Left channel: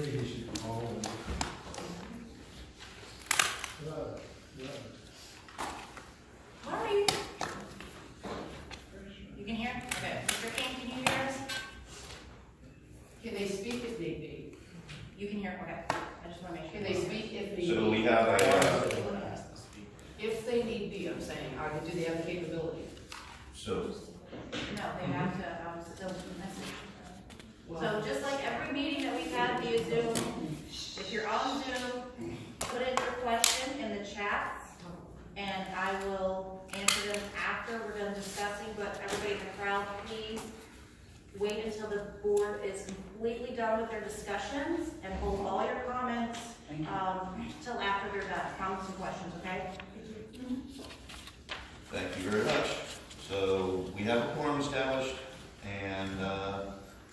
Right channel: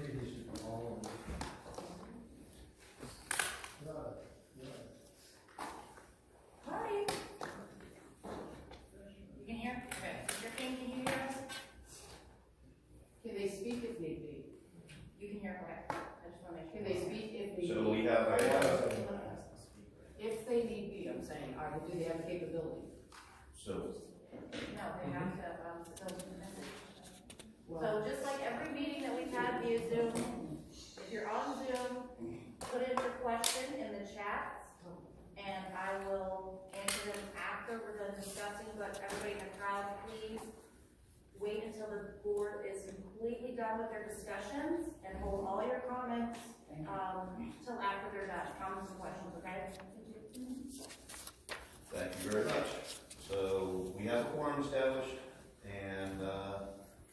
Maybe he should call him. What are you? You can hear? Okay. Mr. King, can you hear us? Can they speak if need be? You can hear, okay. I just want to make sure. Can they speak if need be? So we have a, If they need be, I'm saying, do they have the capability? so, No, they have to, still message. Well, So just like every meeting that we've had via Zoom, if you're on Zoom, put in your question in the chat, and I will answer them after we're done discussing, but everybody in the crowd, please wait until the board is completely done with their discussions, and hold all your comments, till after they're done, comments and questions, okay? thank you very much. So we have a quorum established, and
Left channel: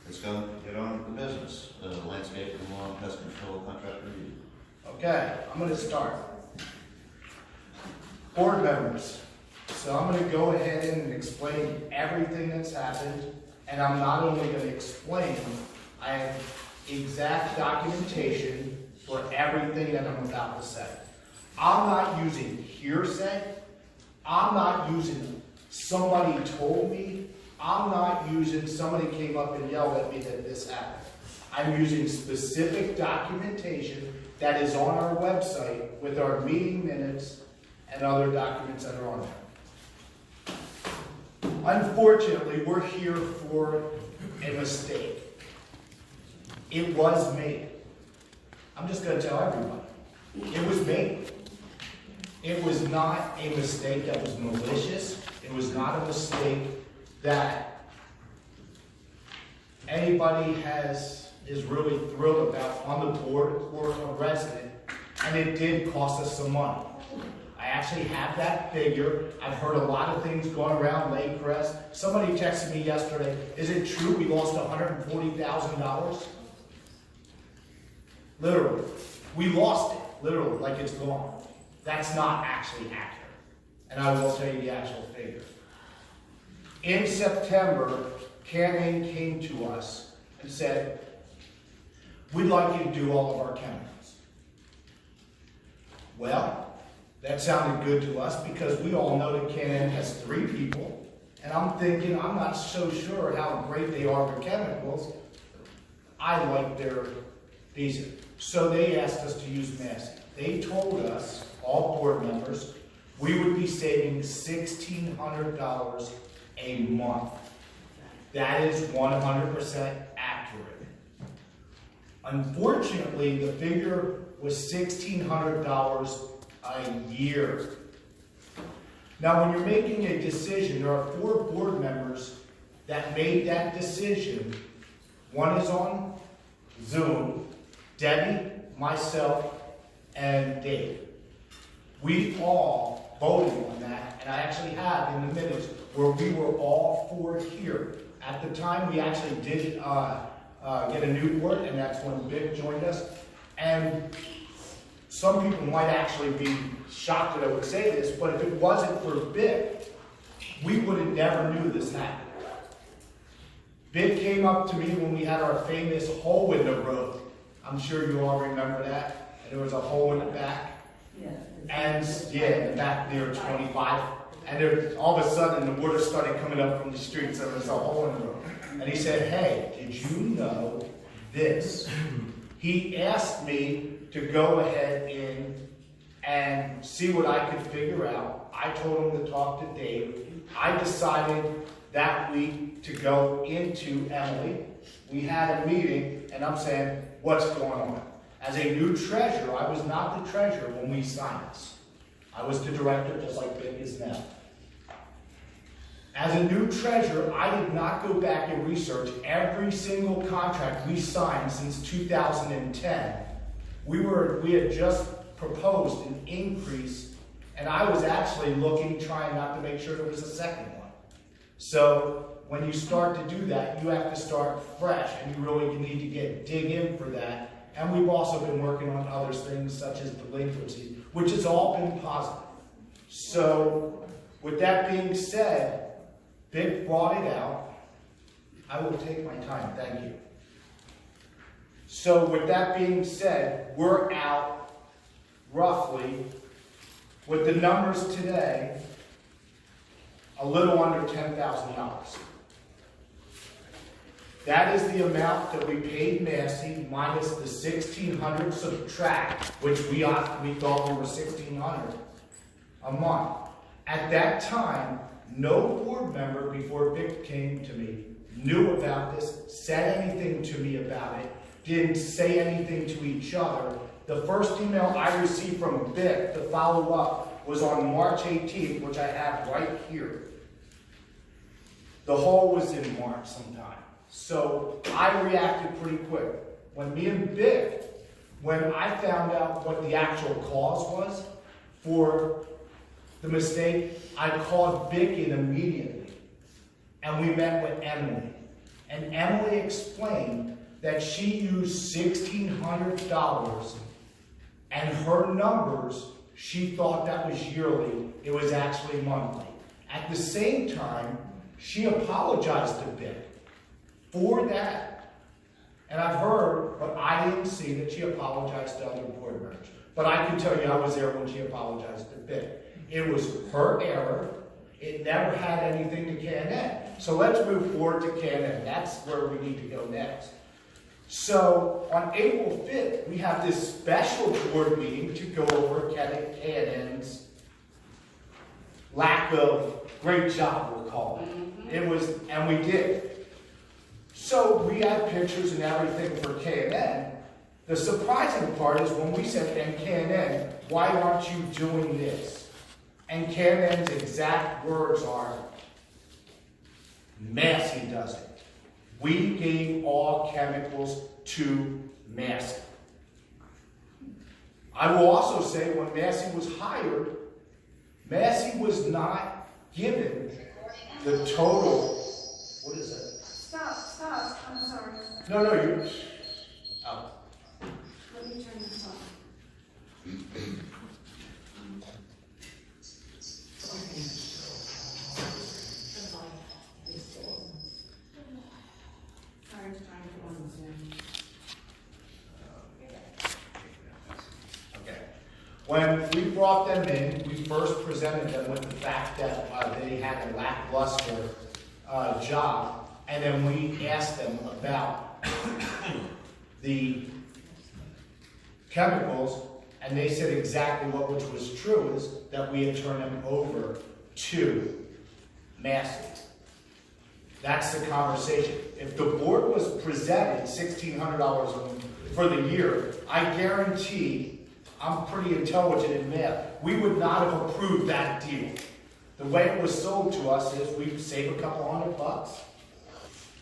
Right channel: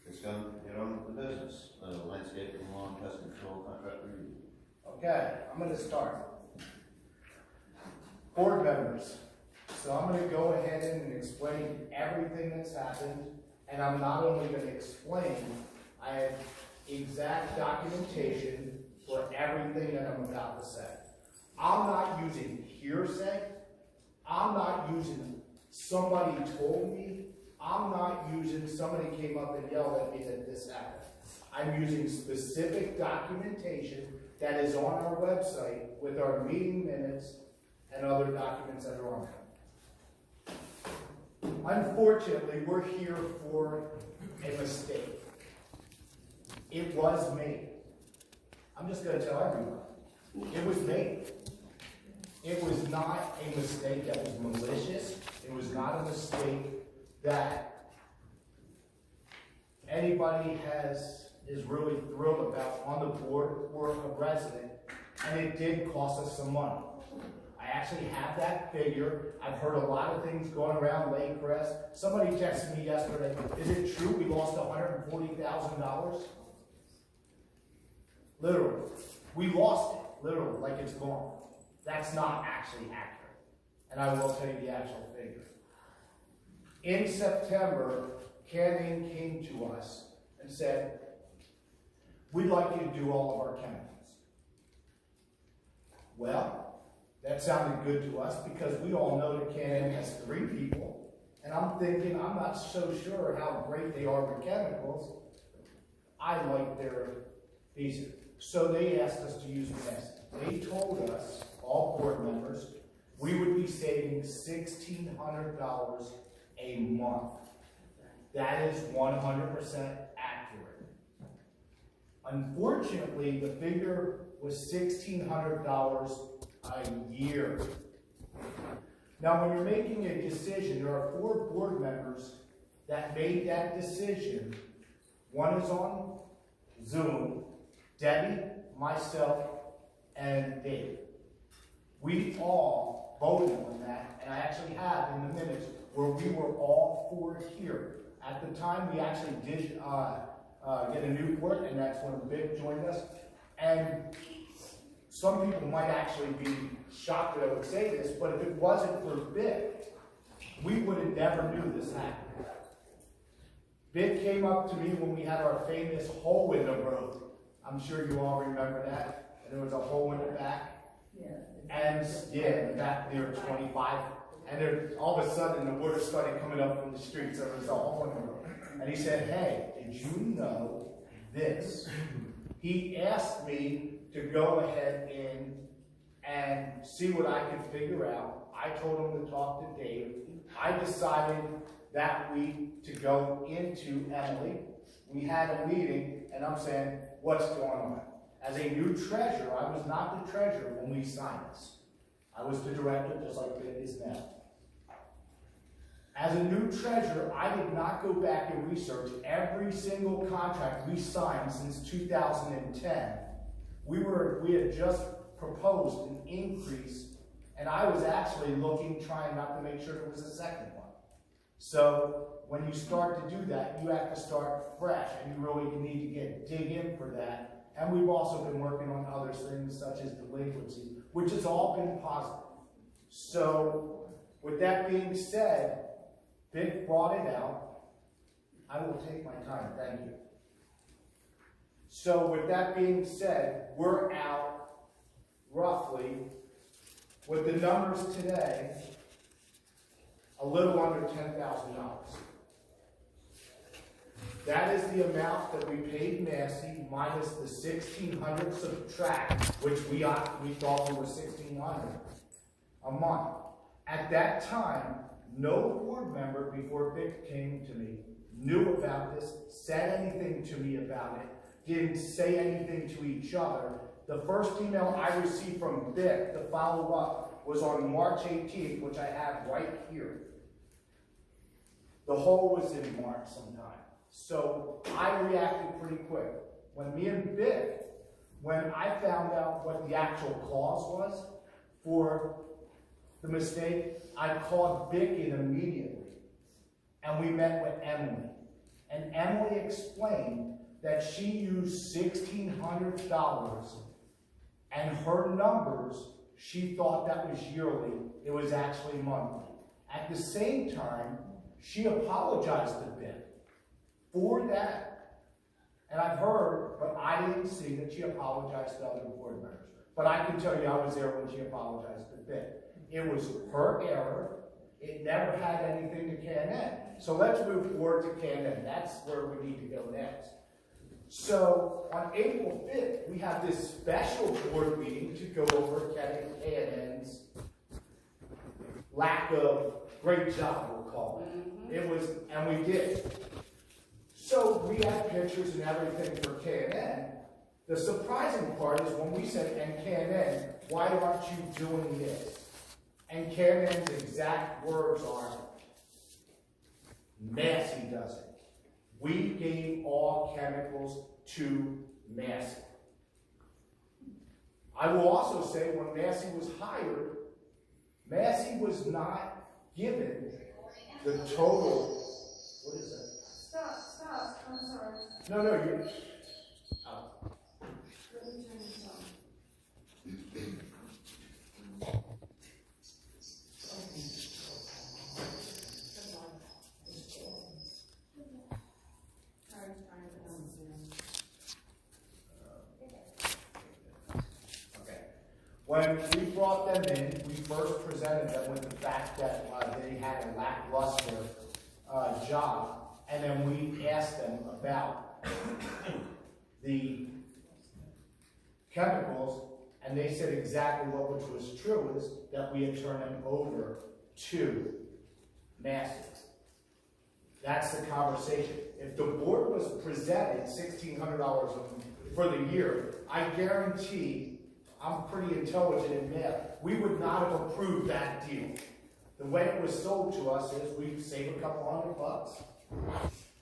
it's going to get on with the business. The landscape and lawn pest control contract review. Okay, I'm gonna start. Board members, so I'm gonna go ahead and explain everything that's happened, and I'm not only gonna explain, I have exact documentation for everything that I'm about to say. I'm not using hearsay, I'm not using somebody told me, I'm not using somebody came up and yelled at me that this happened. I'm using specific documentation that is on our website with our meeting minutes and other documents that are on there. Unfortunately, we're here for a mistake. It was made. I'm just going to tell everybody. It was made. It was not a mistake that was malicious. It was not a mistake that anybody is really thrilled about on the board or a resident, and it did cost us some money. I actually have that figure. I've heard a lot of things going around Lakecrest. Somebody texted me yesterday, is it true we lost $140,000? Literally. We lost it, literally, like it's gone. That's not actually accurate. And I will tell you the actual figure. In September, Canon came to us and said, we'd like you to do all of our chemicals. Well, that sounded good to us because we all know that Canon has 3 people, and I'm thinking, I'm not so sure how great they are with chemicals. I like their decent. So they asked us to use Massey. They told us, all board members, we would be saving $1,600 a month. That is 100% accurate. Unfortunately, the figure was $1,600 a year. Now, when you're making a decision, there are 4 board members that made that decision. One is on Zoom, Debbie, myself, and Dave. We all voted on that, and I actually have in the minutes where we were all 4 here. At the time, we actually did get a new board, and that's when Vic joined us. And some people might actually be shocked that I would say this, but if it wasn't for Vic, we would have never knew this happened. Vic came up to me when we had our famous hole in the road. I'm sure you all remember that. And there was a hole in the back. yeah. And yeah, in the back near 25. And there, all of a sudden the water started coming up from the street, so there was a hole in the road. And he said, hey, did you know this? He asked me to go ahead in and see what I could figure out. I told him to talk to Dave. I decided that week to go into Emily. We had a meeting, and I'm saying, what's going on? As a new treasurer, I was not the treasurer when we signed this. I was the director, just like Vic is now. As a new treasurer, I did not go back and research every single contract we signed since 2010. We had just proposed an increase, and I was actually looking, trying not to make sure there was a second one. So when you start to do that, you have to start fresh, and you really need to dig in for that. And we've also been working on other things such as delinquency, which has all been positive. So with that being said, Vic brought it out. I will take my time, thank you. So with that being said, we're out roughly, with the numbers today, a little under $10,000. That is the amount that we paid Massey minus the $1,600 subtract, which we thought we were $1,600 a month. At that time, no board member before Vic came to me knew about this, said anything to me about it, didn't say anything to each other. The first email I received from Vic to follow up was on March 18th, which I have right here. The hole was in March sometime. So I reacted pretty quick. When me and Vic, when I found out what the actual cause was for the mistake, I called Vic in immediately. And we met with Emily. And Emily explained that she used $1,600 and her numbers, she thought that was yearly. It was actually monthly. At the same time, she apologized to Vic for that. And I've heard, but I didn't see that she apologized to other board members. But I can tell you I was there when she apologized to Vic. It was her error. It never had anything to K&N. So let's move forward to K&N. That's where we need to go next. So on April 5th, we have this special board meeting to go over K&N's lack of great job, we'll call it. It was, and we did. So we had pictures and everything for K&N. The surprising part is when we said, and K&N, why aren't you doing this? And K&N's exact words are, Massey does it. We gave all chemicals to Massey. I will also say when Massey was hired, Massey was not given the total. What is that? Stop, I'm sorry. No, you're. Oh. Let me turn this on. Karen's trying to go on Zoom. Okay. When we brought them in, we first presented them with the fact that they had a lackluster job, and then we asked them about the chemicals, and they said exactly what which was true, is that we had turned them over to Massey. That's the conversation. If the board was presented $1,600 for the year, I guarantee, I'm pretty intelligent in math, we would not have approved that deal. The way it was sold to us is we save a couple $100,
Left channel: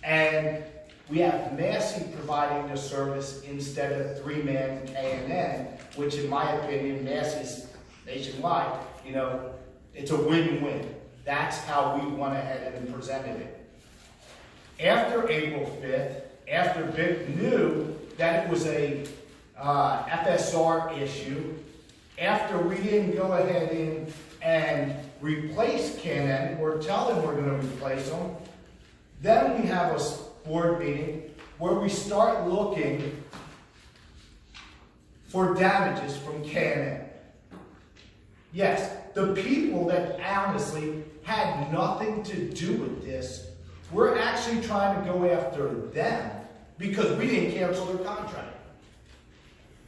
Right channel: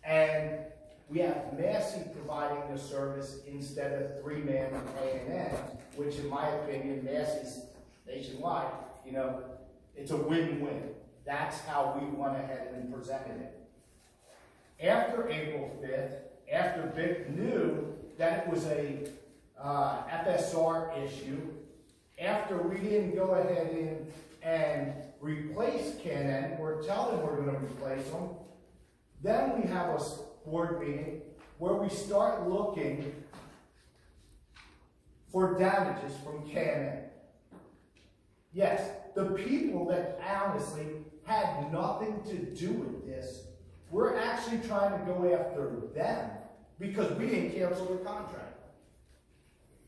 and we have Massey providing the service instead of three-man K&N, which in my opinion, Massey's nationwide, it's a win-win. That's how we went ahead and presented it. After April 5th, after Vic knew that it was a FSR issue, after we didn't go ahead in and replace K&N or tell them we're going to replace them, then we have a board meeting where we start looking for damages from K&N. Yes, the people that honestly had nothing to do with this, we're actually trying to go after them because we didn't cancel their contract.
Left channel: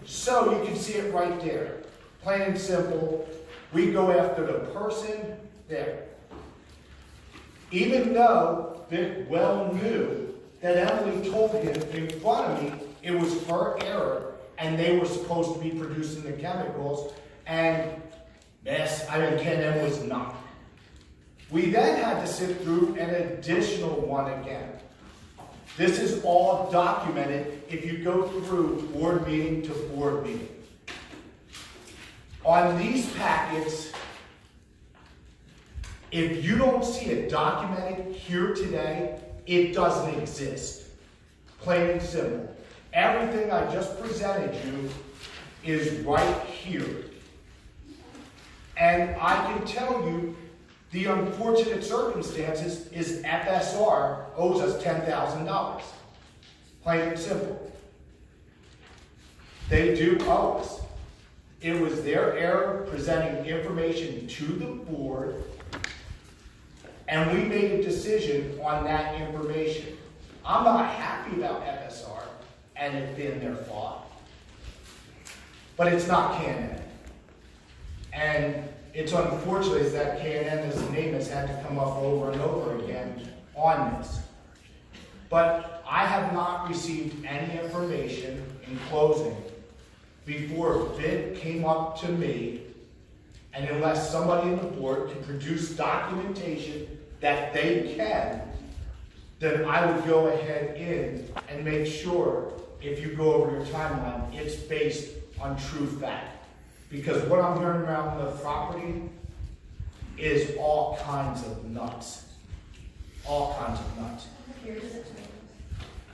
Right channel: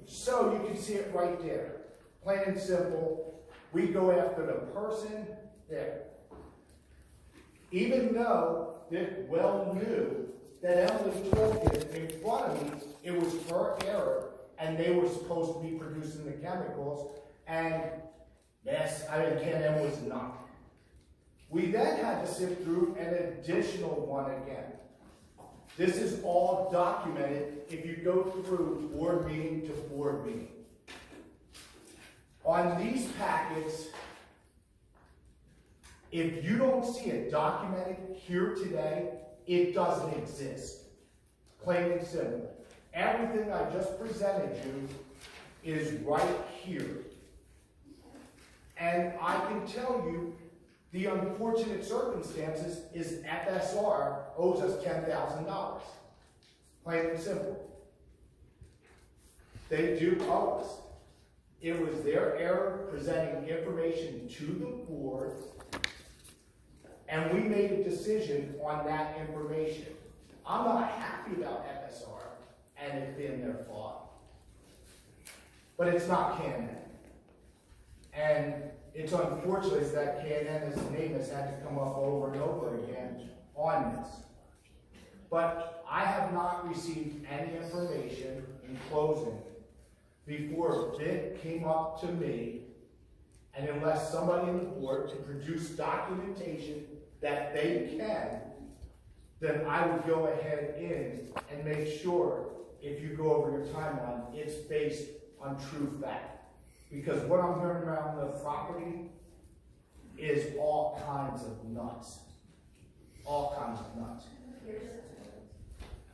So you can see it right there. Plain and simple, we go after the person there. Even though Vic well knew that Emily told him in front of me it was her error and they were supposed to be producing the chemicals, and K&N was not. We then had to sit through an additional one again. This is all documented if you go through board meeting to board meeting. On these packets, if you don't see it documented here today, it doesn't exist. Plain and simple. Everything I just presented you is right here. And I can tell you, the unfortunate circumstances is FSR owes us $10,000. Plain and simple. They do owe us. It was their error presenting information to the board, and we made a decision on that information. I'm not happy about FSR and it being their fault, but it's not K&N. And it's unfortunate that K&N as a name has had to come up over and over again on this. But I have not received any information in closing before a bid came up to me, and unless somebody in the board can produce documentation that they can, then I would go ahead in and make sure, if you go over your timeline, it's based on true fact. Because what I'm hearing around the property is all kinds of nuts. All kinds of nuts.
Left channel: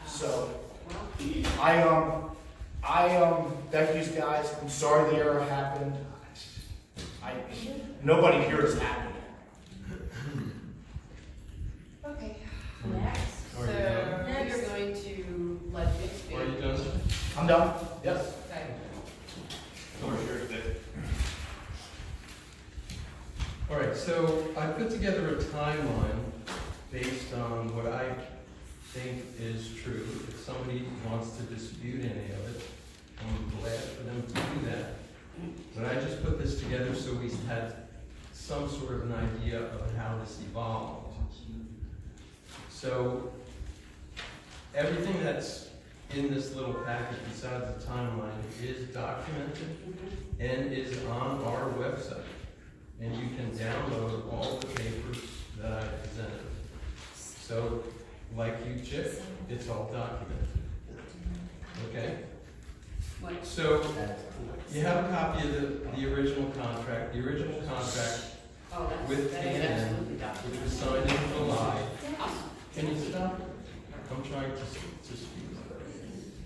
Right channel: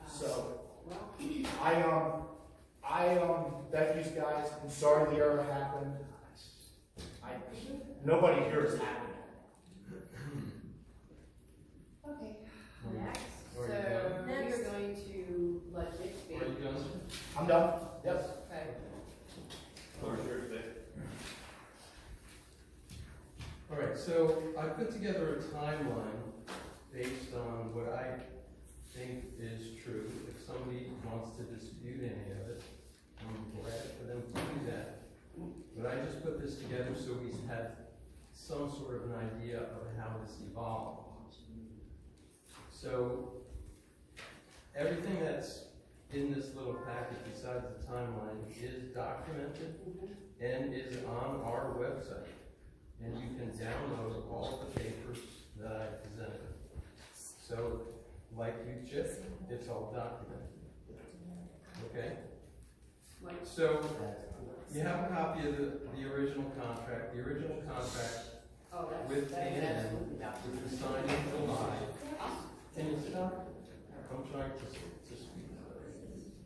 So, thank you guys. I'm sorry the error happened. Nobody here is happy. Okay. Next. So, you're going to let Dick speak? Are you done? I'm done. Yes. Okay. All right, so I put together a timeline based on what I think is true. If somebody wants to dispute any of it, I'm glad for them to do that. But I just put this together so we had some sort of an idea of how this evolved. So everything that's in this little package besides the timeline is documented and is on our website. And you can download all the papers that I presented. So, like you, Chip, it's all documented. Okay? So, you have a copy of the original contract. The original contract Oh, that's, with that is K&N, absolutely documented. which was signed in July. Can you stop? I'm trying to speak.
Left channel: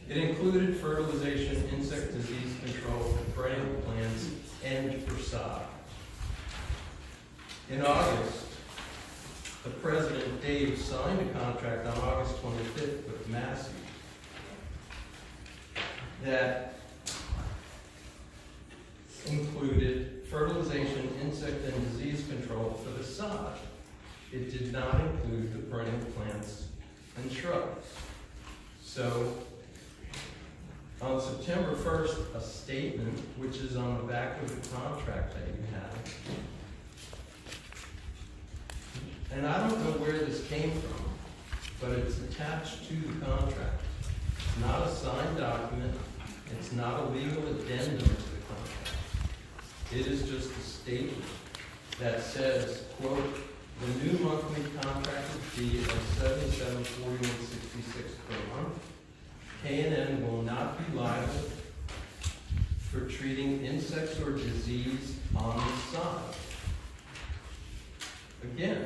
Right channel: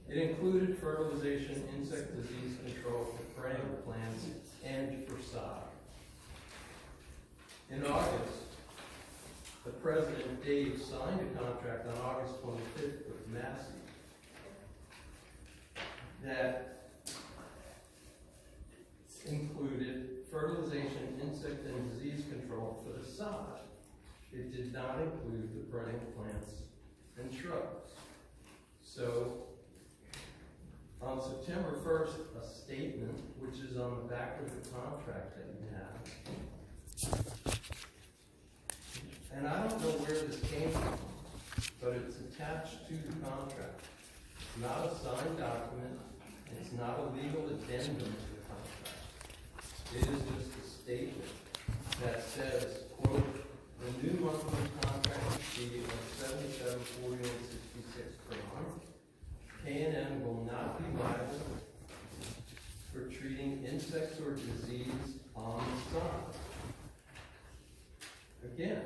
It included fertilization, insect disease control for perennial plants, and for sod. In August, the President, Dave, signed a contract on August 25th with Massey that included fertilization, insect, and disease control for the sod. It did not include the perennial plants and shrubs. So, on September 1st, a statement, which is on the back of the contract that you have, and I don't know where this came from, but it's attached to the contract. It's not a signed document. It's not a legal addendum to the contract. It is just a statement that says, quote, the new monthly contract fee of $77.41.66 per month. K&N will not be liable for treating insects or disease on the sod. Again,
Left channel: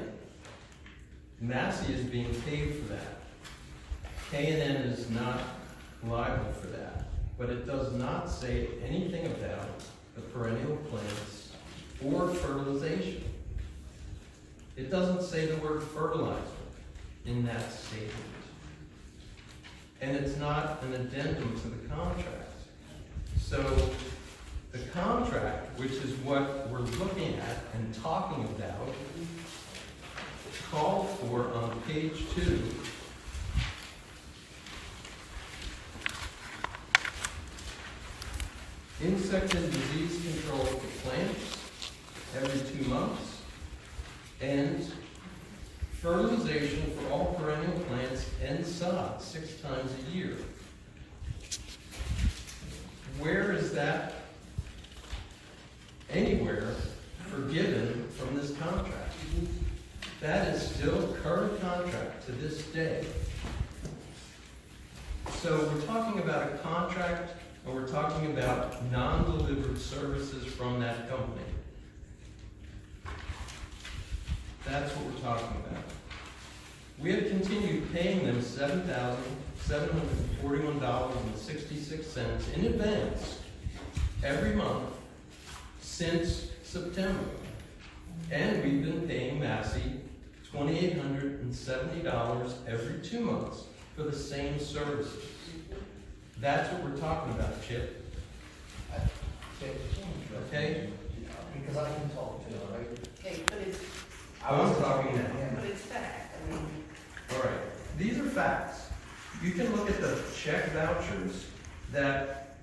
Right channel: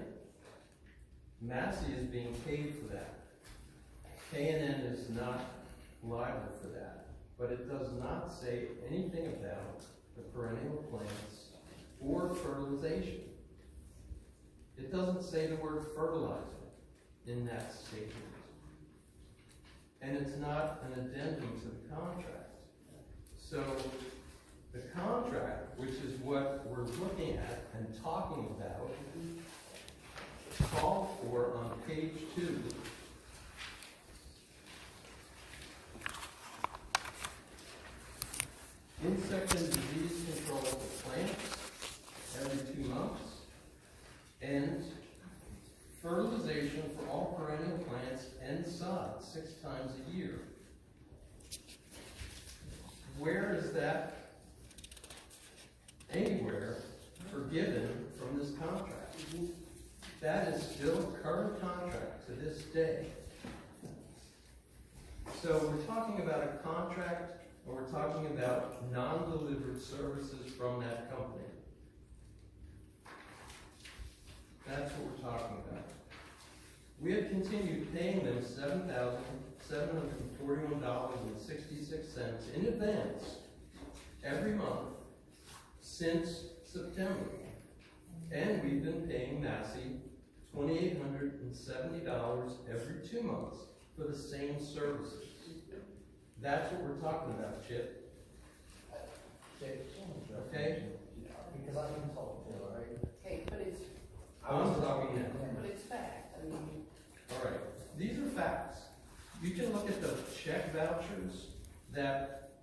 Massey is being paid for that. K&N is not liable for that, but it does not say anything about the perennial plants or fertilization. It doesn't say the word fertilizer in that statement. And it's not an addendum to the contract. So the contract, which is what we're looking at and talking about, called for on page 2 insect and disease control for plants every 2 months, and fertilization for all perennial plants and sod 6 times a year. Where is that anywhere forgiven from this contract? That is still a current contract to this day. So we're talking about a contract, and we're talking about non-delivered services from that company. That's what we're talking about. We have continued paying them $7,741.66 in advance every month since September. And we've been paying Massey $2,870 every 2 months for the same services. That's what we're talking about, Chip. Okay? Because I can talk too, all right? Okay, but it's, I'm talking now. but it's fact, I mean, All right, these are facts. You can look at the check vouchers that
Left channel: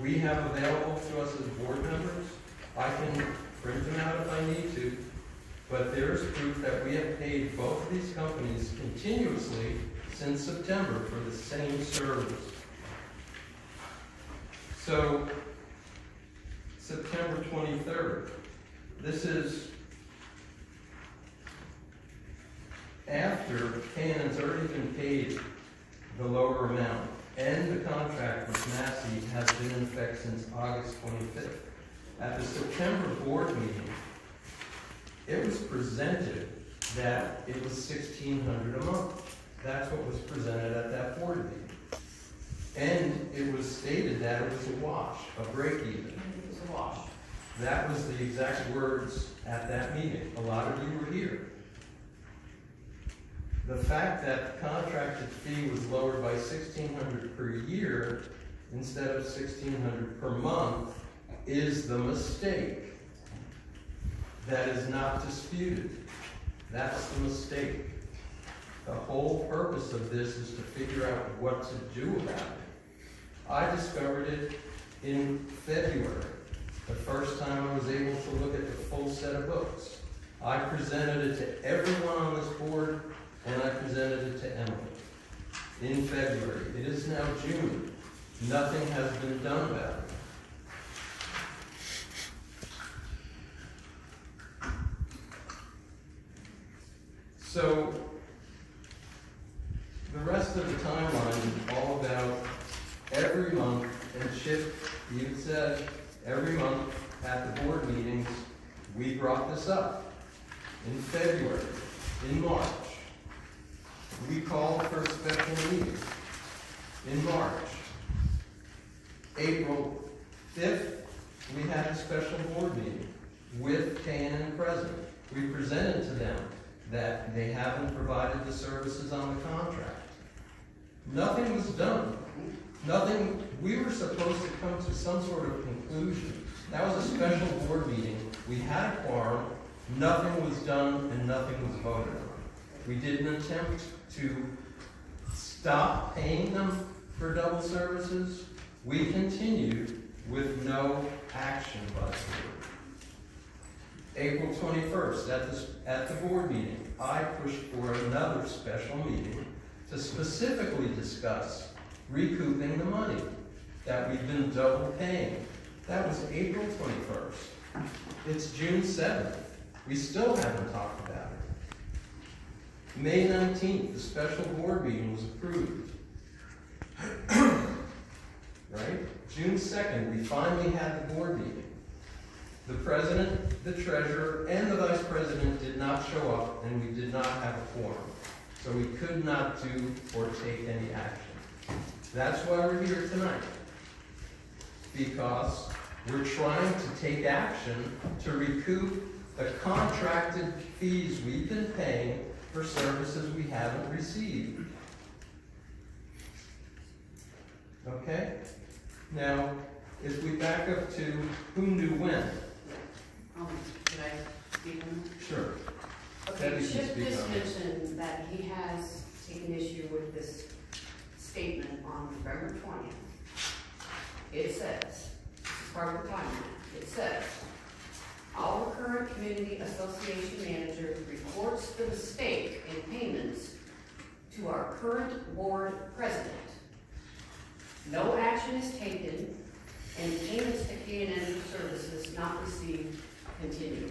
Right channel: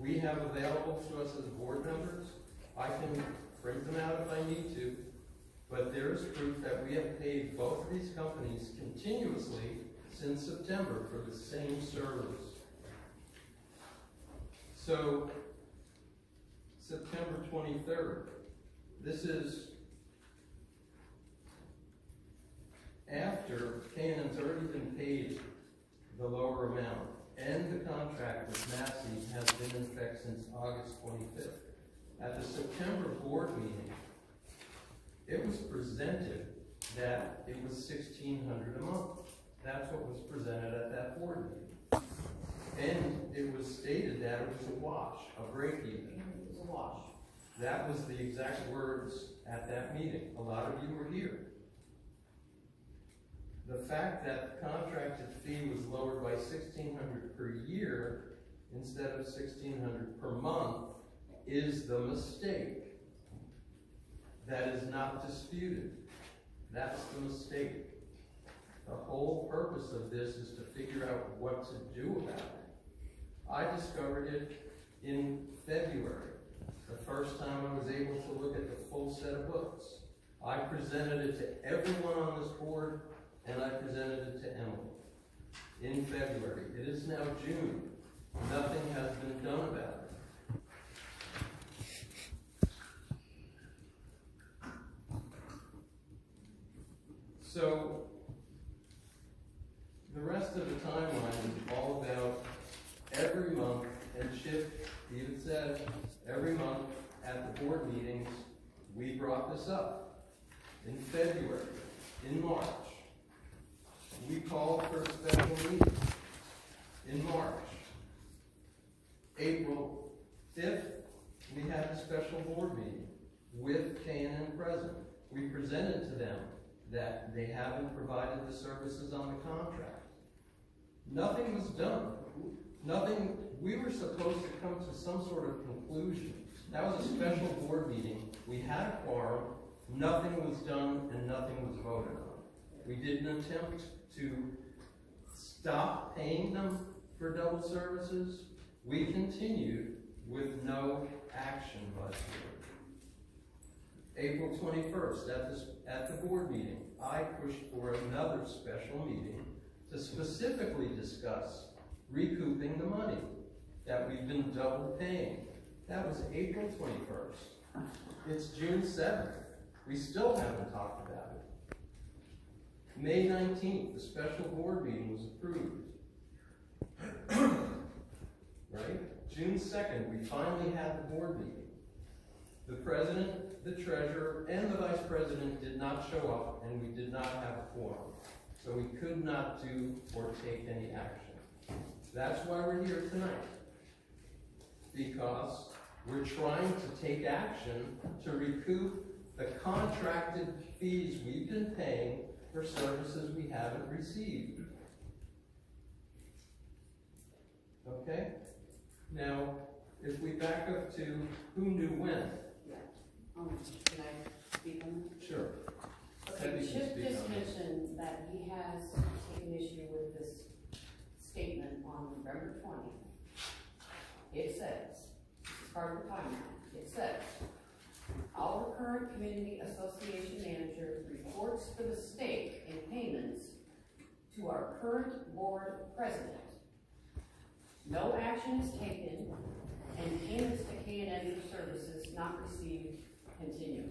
we have available to us as board members. I can print them out if I need to, but there's proof that we have paid both of these companies continuously since September for the same service. So, September 23rd, this is after Cannon's already been paid the lower amount, and the contract with Massey has been in effect since August 25th. At the September board meeting, it was presented that it was $1,600 a month. That's what was presented at that board meeting. And it was stated that it was a wash, a break even. it was a wash. That was the exact words at that meeting. A lot of you were here. The fact that the contracted fee was lowered by $1,600 per year instead of $1,600 per month is the mistake. That is not disputed. That's the mistake. The whole purpose of this is to figure out what to do about it. I discovered it in February, the first time I was able to look at the full set of books. I presented it to everyone on this board, and I presented it to Emily in February. It is now June. Nothing has been done about it. So, the rest of the timeline is all about every month, and Chip even said, every month at the board meetings, we brought this up. In February, in March, we called for a special meeting. In March, April 5th, we had a special board meeting with K&N present. We presented to them that they haven't provided the services on the contract. Nothing was done. Nothing, we were supposed to come to some sort of conclusion. That was a special board meeting. We had a quorum, nothing was done, and nothing was voted on. We did an attempt to stop paying them for double services. We continued with no action by the board. April 21st, at the board meeting, I pushed for another special meeting to specifically discuss recouping the money that we've been double paying. That was April 21st. It's June 7th. We still haven't talked about it. May 19th, the special board meeting was approved. Right? June 2nd, we finally had the board meeting. The president, the treasurer, and the vice president did not show up, and we did not have a quorum. So we could not do or take any action. That's why we're here tonight. Because we're trying to take action to recoup the contracted fees we've been paying for services we haven't received. Okay? Now, if we back up to who knew when. Can I speak on that? Sure. Okay, Debbie can Chip speak just on it. mentioned that he has taken issue with this statement on November 20th. It says, this is part of the timeline, it says, our current community association manager reports the mistake in payments to our current board president. No action is taken, and payments to K&N services not received continue.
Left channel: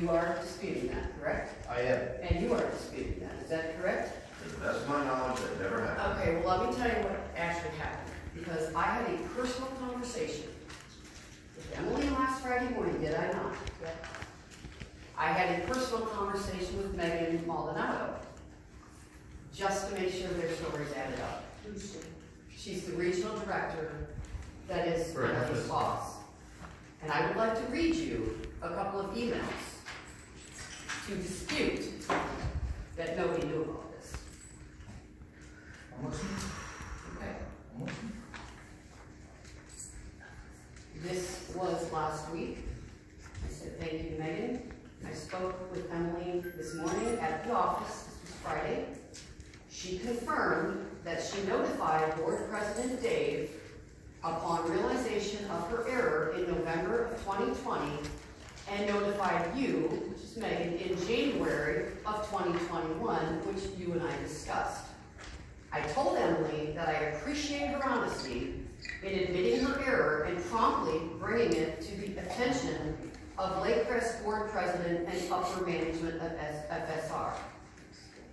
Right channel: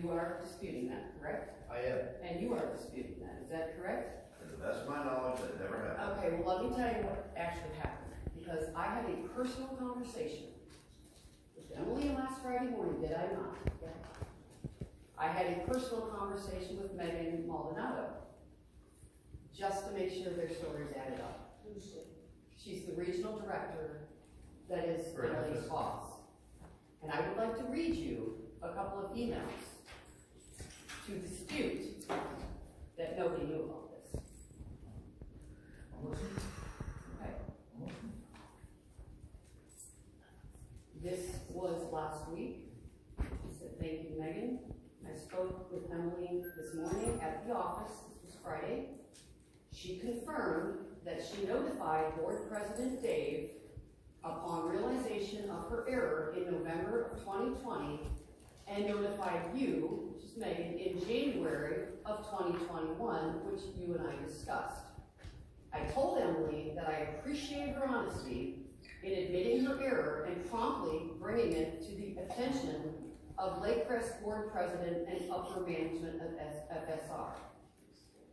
You are disputing that, correct? I am. And you are disputing that, is that correct? To the best of my knowledge, that never happened. Okay, well, let me tell you what actually happened, because I had a personal conversation with Emily last Friday morning, did I not? I had a personal conversation with Megan Maldonado, just to make sure their stories added up. She's the regional director that is Right. Emily's boss. And I would like to read you a couple of emails to dispute that nobody knew about this. I'm listening. Okay? I'm listening. This was last week. I said, thank you, Megan. I spoke with Emily this morning at the office, this was Friday. She confirmed that she notified Board President Dave upon realization of her error in November of 2020 and notified you, which is Megan, in January of 2021, which you and I discussed. I told Emily that I appreciate her honesty in admitting her error and promptly bringing it to the attention of Lakecrest Board President and upper management of FSR.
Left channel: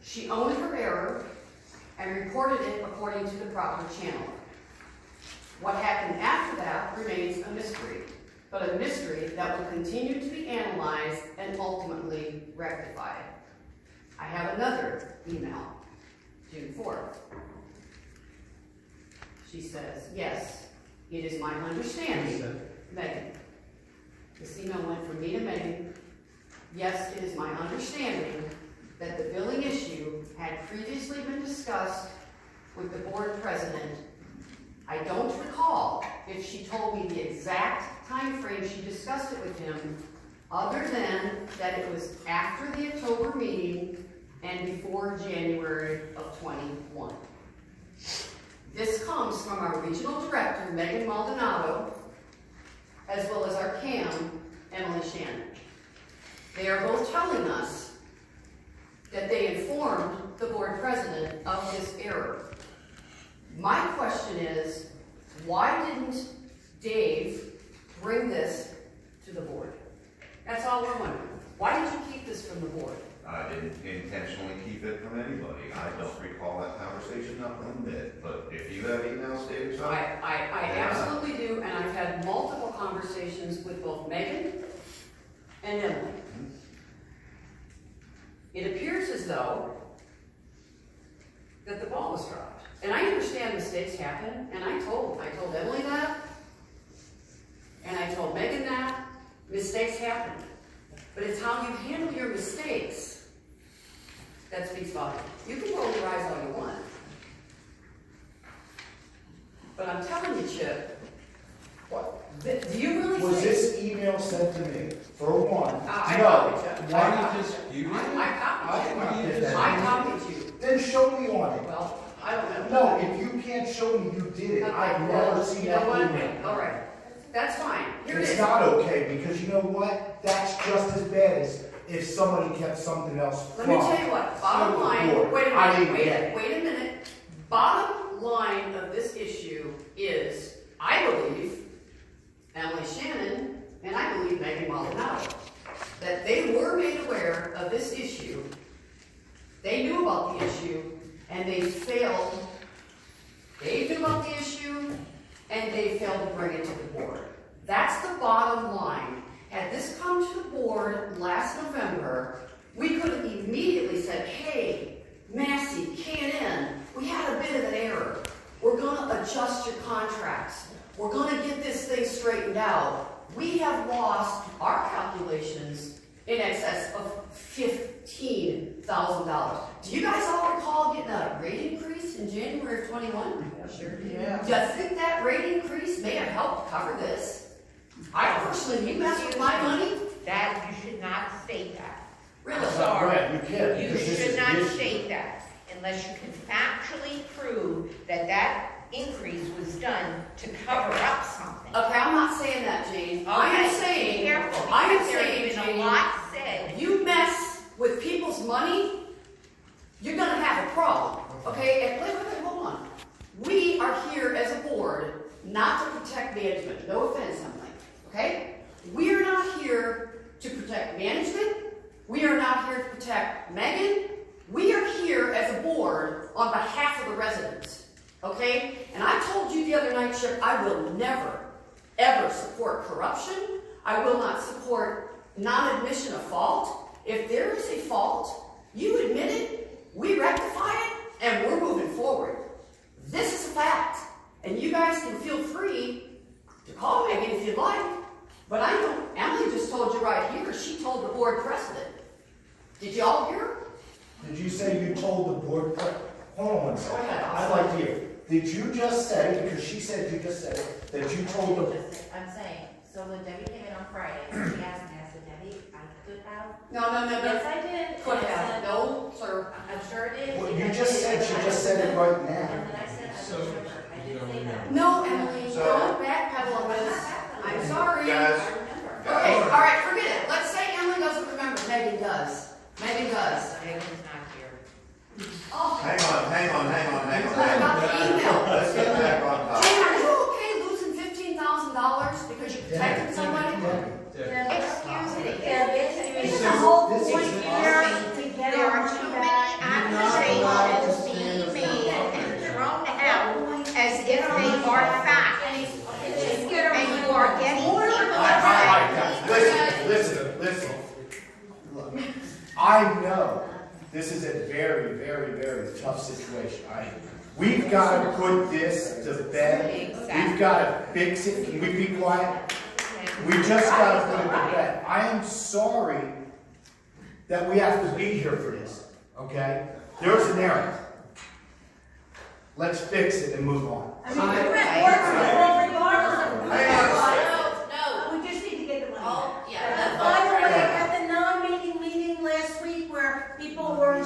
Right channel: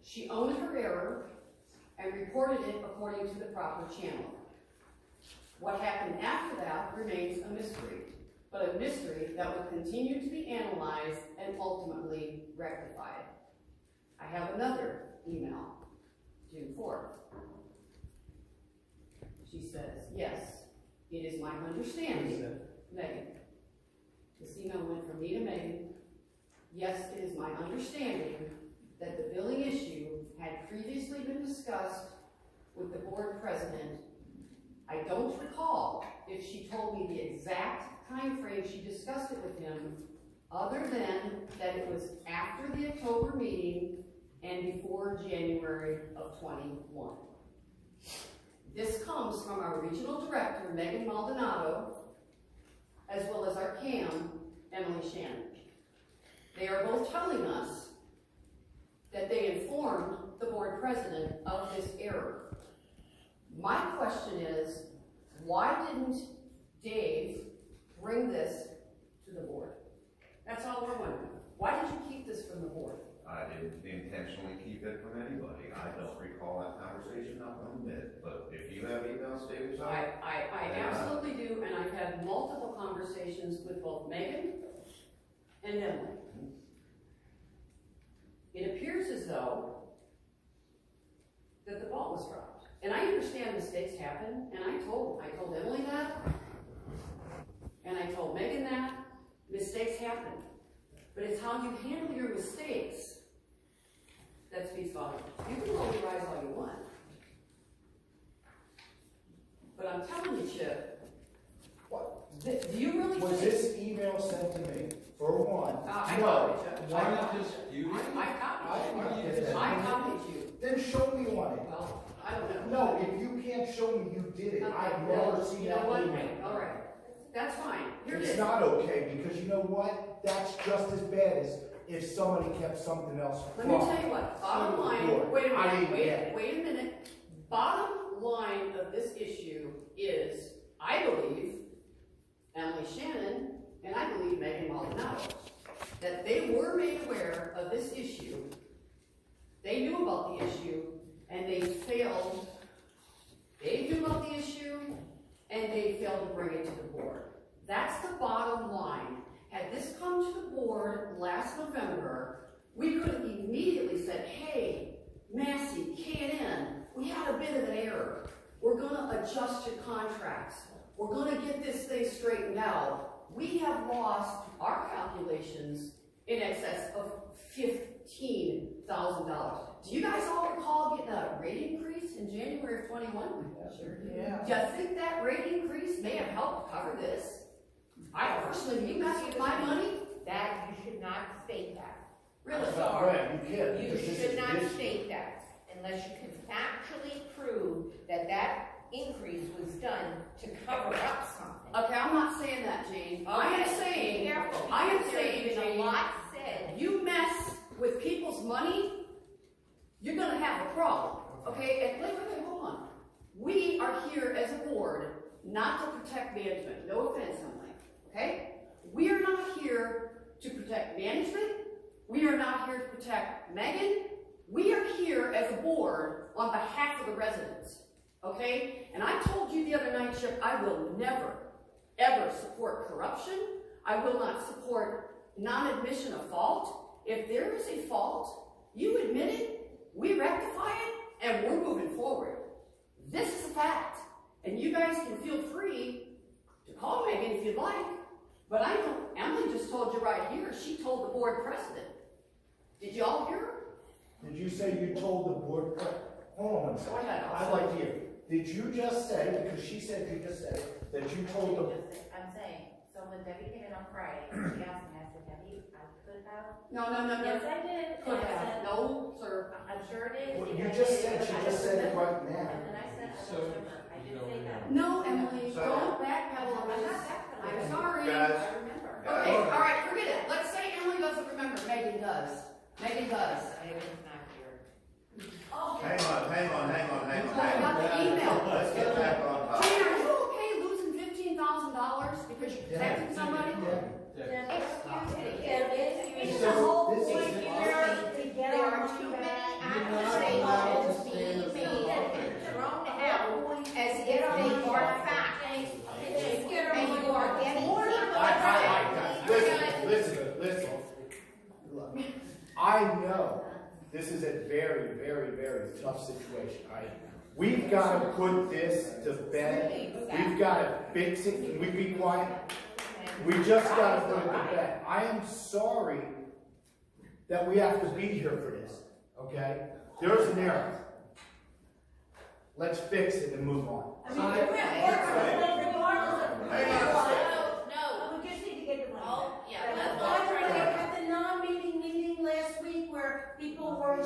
She owned her error and reported it according to the proper channel. What happened after that remains a mystery, but a mystery that will continue to be analyzed and ultimately rectified. I have another email, June 4th. She says, yes, it is my understanding, Megan. This email went from me to Megan. Yes, it is my understanding that the billing issue had previously been discussed with the board president. I don't recall if she told me the exact time frame she discussed it with him, other than that it was after the October meeting and before January of 21. This comes from our regional director, Megan Maldonado, as well as our CAM, Emily Shannon. They are both telling us that they informed the board president of this error. My question is, why didn't Dave bring this to the board? That's all we're wondering. Why did you keep this from the board? I didn't intentionally keep it from anybody. I don't recall that conversation, not one bit. But if you have emails, Dave, or something, I absolutely do, and I've had multiple conversations with both Megan and Emily. It appears as though that the ball was dropped. And I understand mistakes happen, and I told Emily that, and I told Megan that. Mistakes happen. But it's how you handle your mistakes that speaks volumes. You can roll your eyes all you want. But I'm telling you, Chip, What? do you really Was think... this email sent to me? For one, I no. copied you. Why Why not you dispute it? I copied I you. did that. I copied you. Then show me on it. Well, I don't know. No, if you can't show me you did it, I've never seen You that know what? email. All right. That's fine. Here it It's is. not okay, because you know what? That's just as bad as if somebody kept something else Let from. me tell you what, bottom the line, board. wait a I minute, didn't get it. wait a minute. Bottom line of this issue is, I believe, Emily Shannon, and I believe Megan Maldonado, that they were made aware of this issue, they knew about the issue, and they failed. They knew about the issue, and they failed to bring it to the board. That's the bottom line. Had this come to the board last November, we could have immediately said, hey, Massey, K&N, we had a bit of an error. We're gonna adjust your contracts. We're gonna get this thing straightened out. We have lost our calculations in excess of $15,000. Do you guys all recall getting a rate increase in January of 21? Sure, yeah. Do you think that rate increase may have helped cover this? I personally, you mess with my money? That, you should not state that. Really? Sorry. Right, you can't, You because this is should not the issue. state that unless you can factually prove that that increase was done to cover up something. Okay, I'm not saying that, Jane. I am Okay, saying, be careful, I am because there saying, has been a Jane, lot said. you mess with people's money, you're gonna have a problem, okay? And wait, hold on. We are here as a board not to protect management. No offense, Emily, okay? We are not here to protect management. We are not here to protect Megan. We are here as a board on behalf of the residents, okay? And I told you the other night, Chip, I will never, ever support corruption. I will not support non-admission of fault. If there is a fault, you admit it, we rectify it, and we're moving forward. This is a fact, and you guys can feel free to call Megan if you'd like, but I know Emily just told you right here, she told the board president. Did you all hear her? Did you say you told the board, hold on one second. Go ahead. I'd like to hear, did you just say, because she said you just said, that you told them, I'm saying, so So when Debbie came in on Friday, she asked me, I said, Debbie, I could have. No, Yes, I did. could And I have, said, no, sir. I'm sure it is. Well, you because just it said, is, she but just I said it said- right now. And then I said, I So, was sure. I you did don't say that. remember. No, Emily, So- don't backpedal on this. I'm sorry. Guys, I remember. Okay, all right, forget it. Let's say Emily doesn't remember. Megan does. Megan does. Megan's not here. Oh, hang on. what about the email? Let's get back on topic. Jane, are you okay losing $15,000 because you protected somebody? Excuse me. It's the whole this is point an here awesome- to get There our are too many accusations being made and thrown out as if they are fact. And you are getting All right, guys, listen. I know this is a very, very, very tough situation. We've got to put this to bed. We've got to fix it. Can we be quiet? We just got to put it to bed. I am sorry that we have to be here for this, okay? There's an error. Let's fix it and move on. I mean, the rent works regardless of. Hang on. We just need to get the money. Oh, back. yeah. By the way, at the non-meeting meeting last week where people were,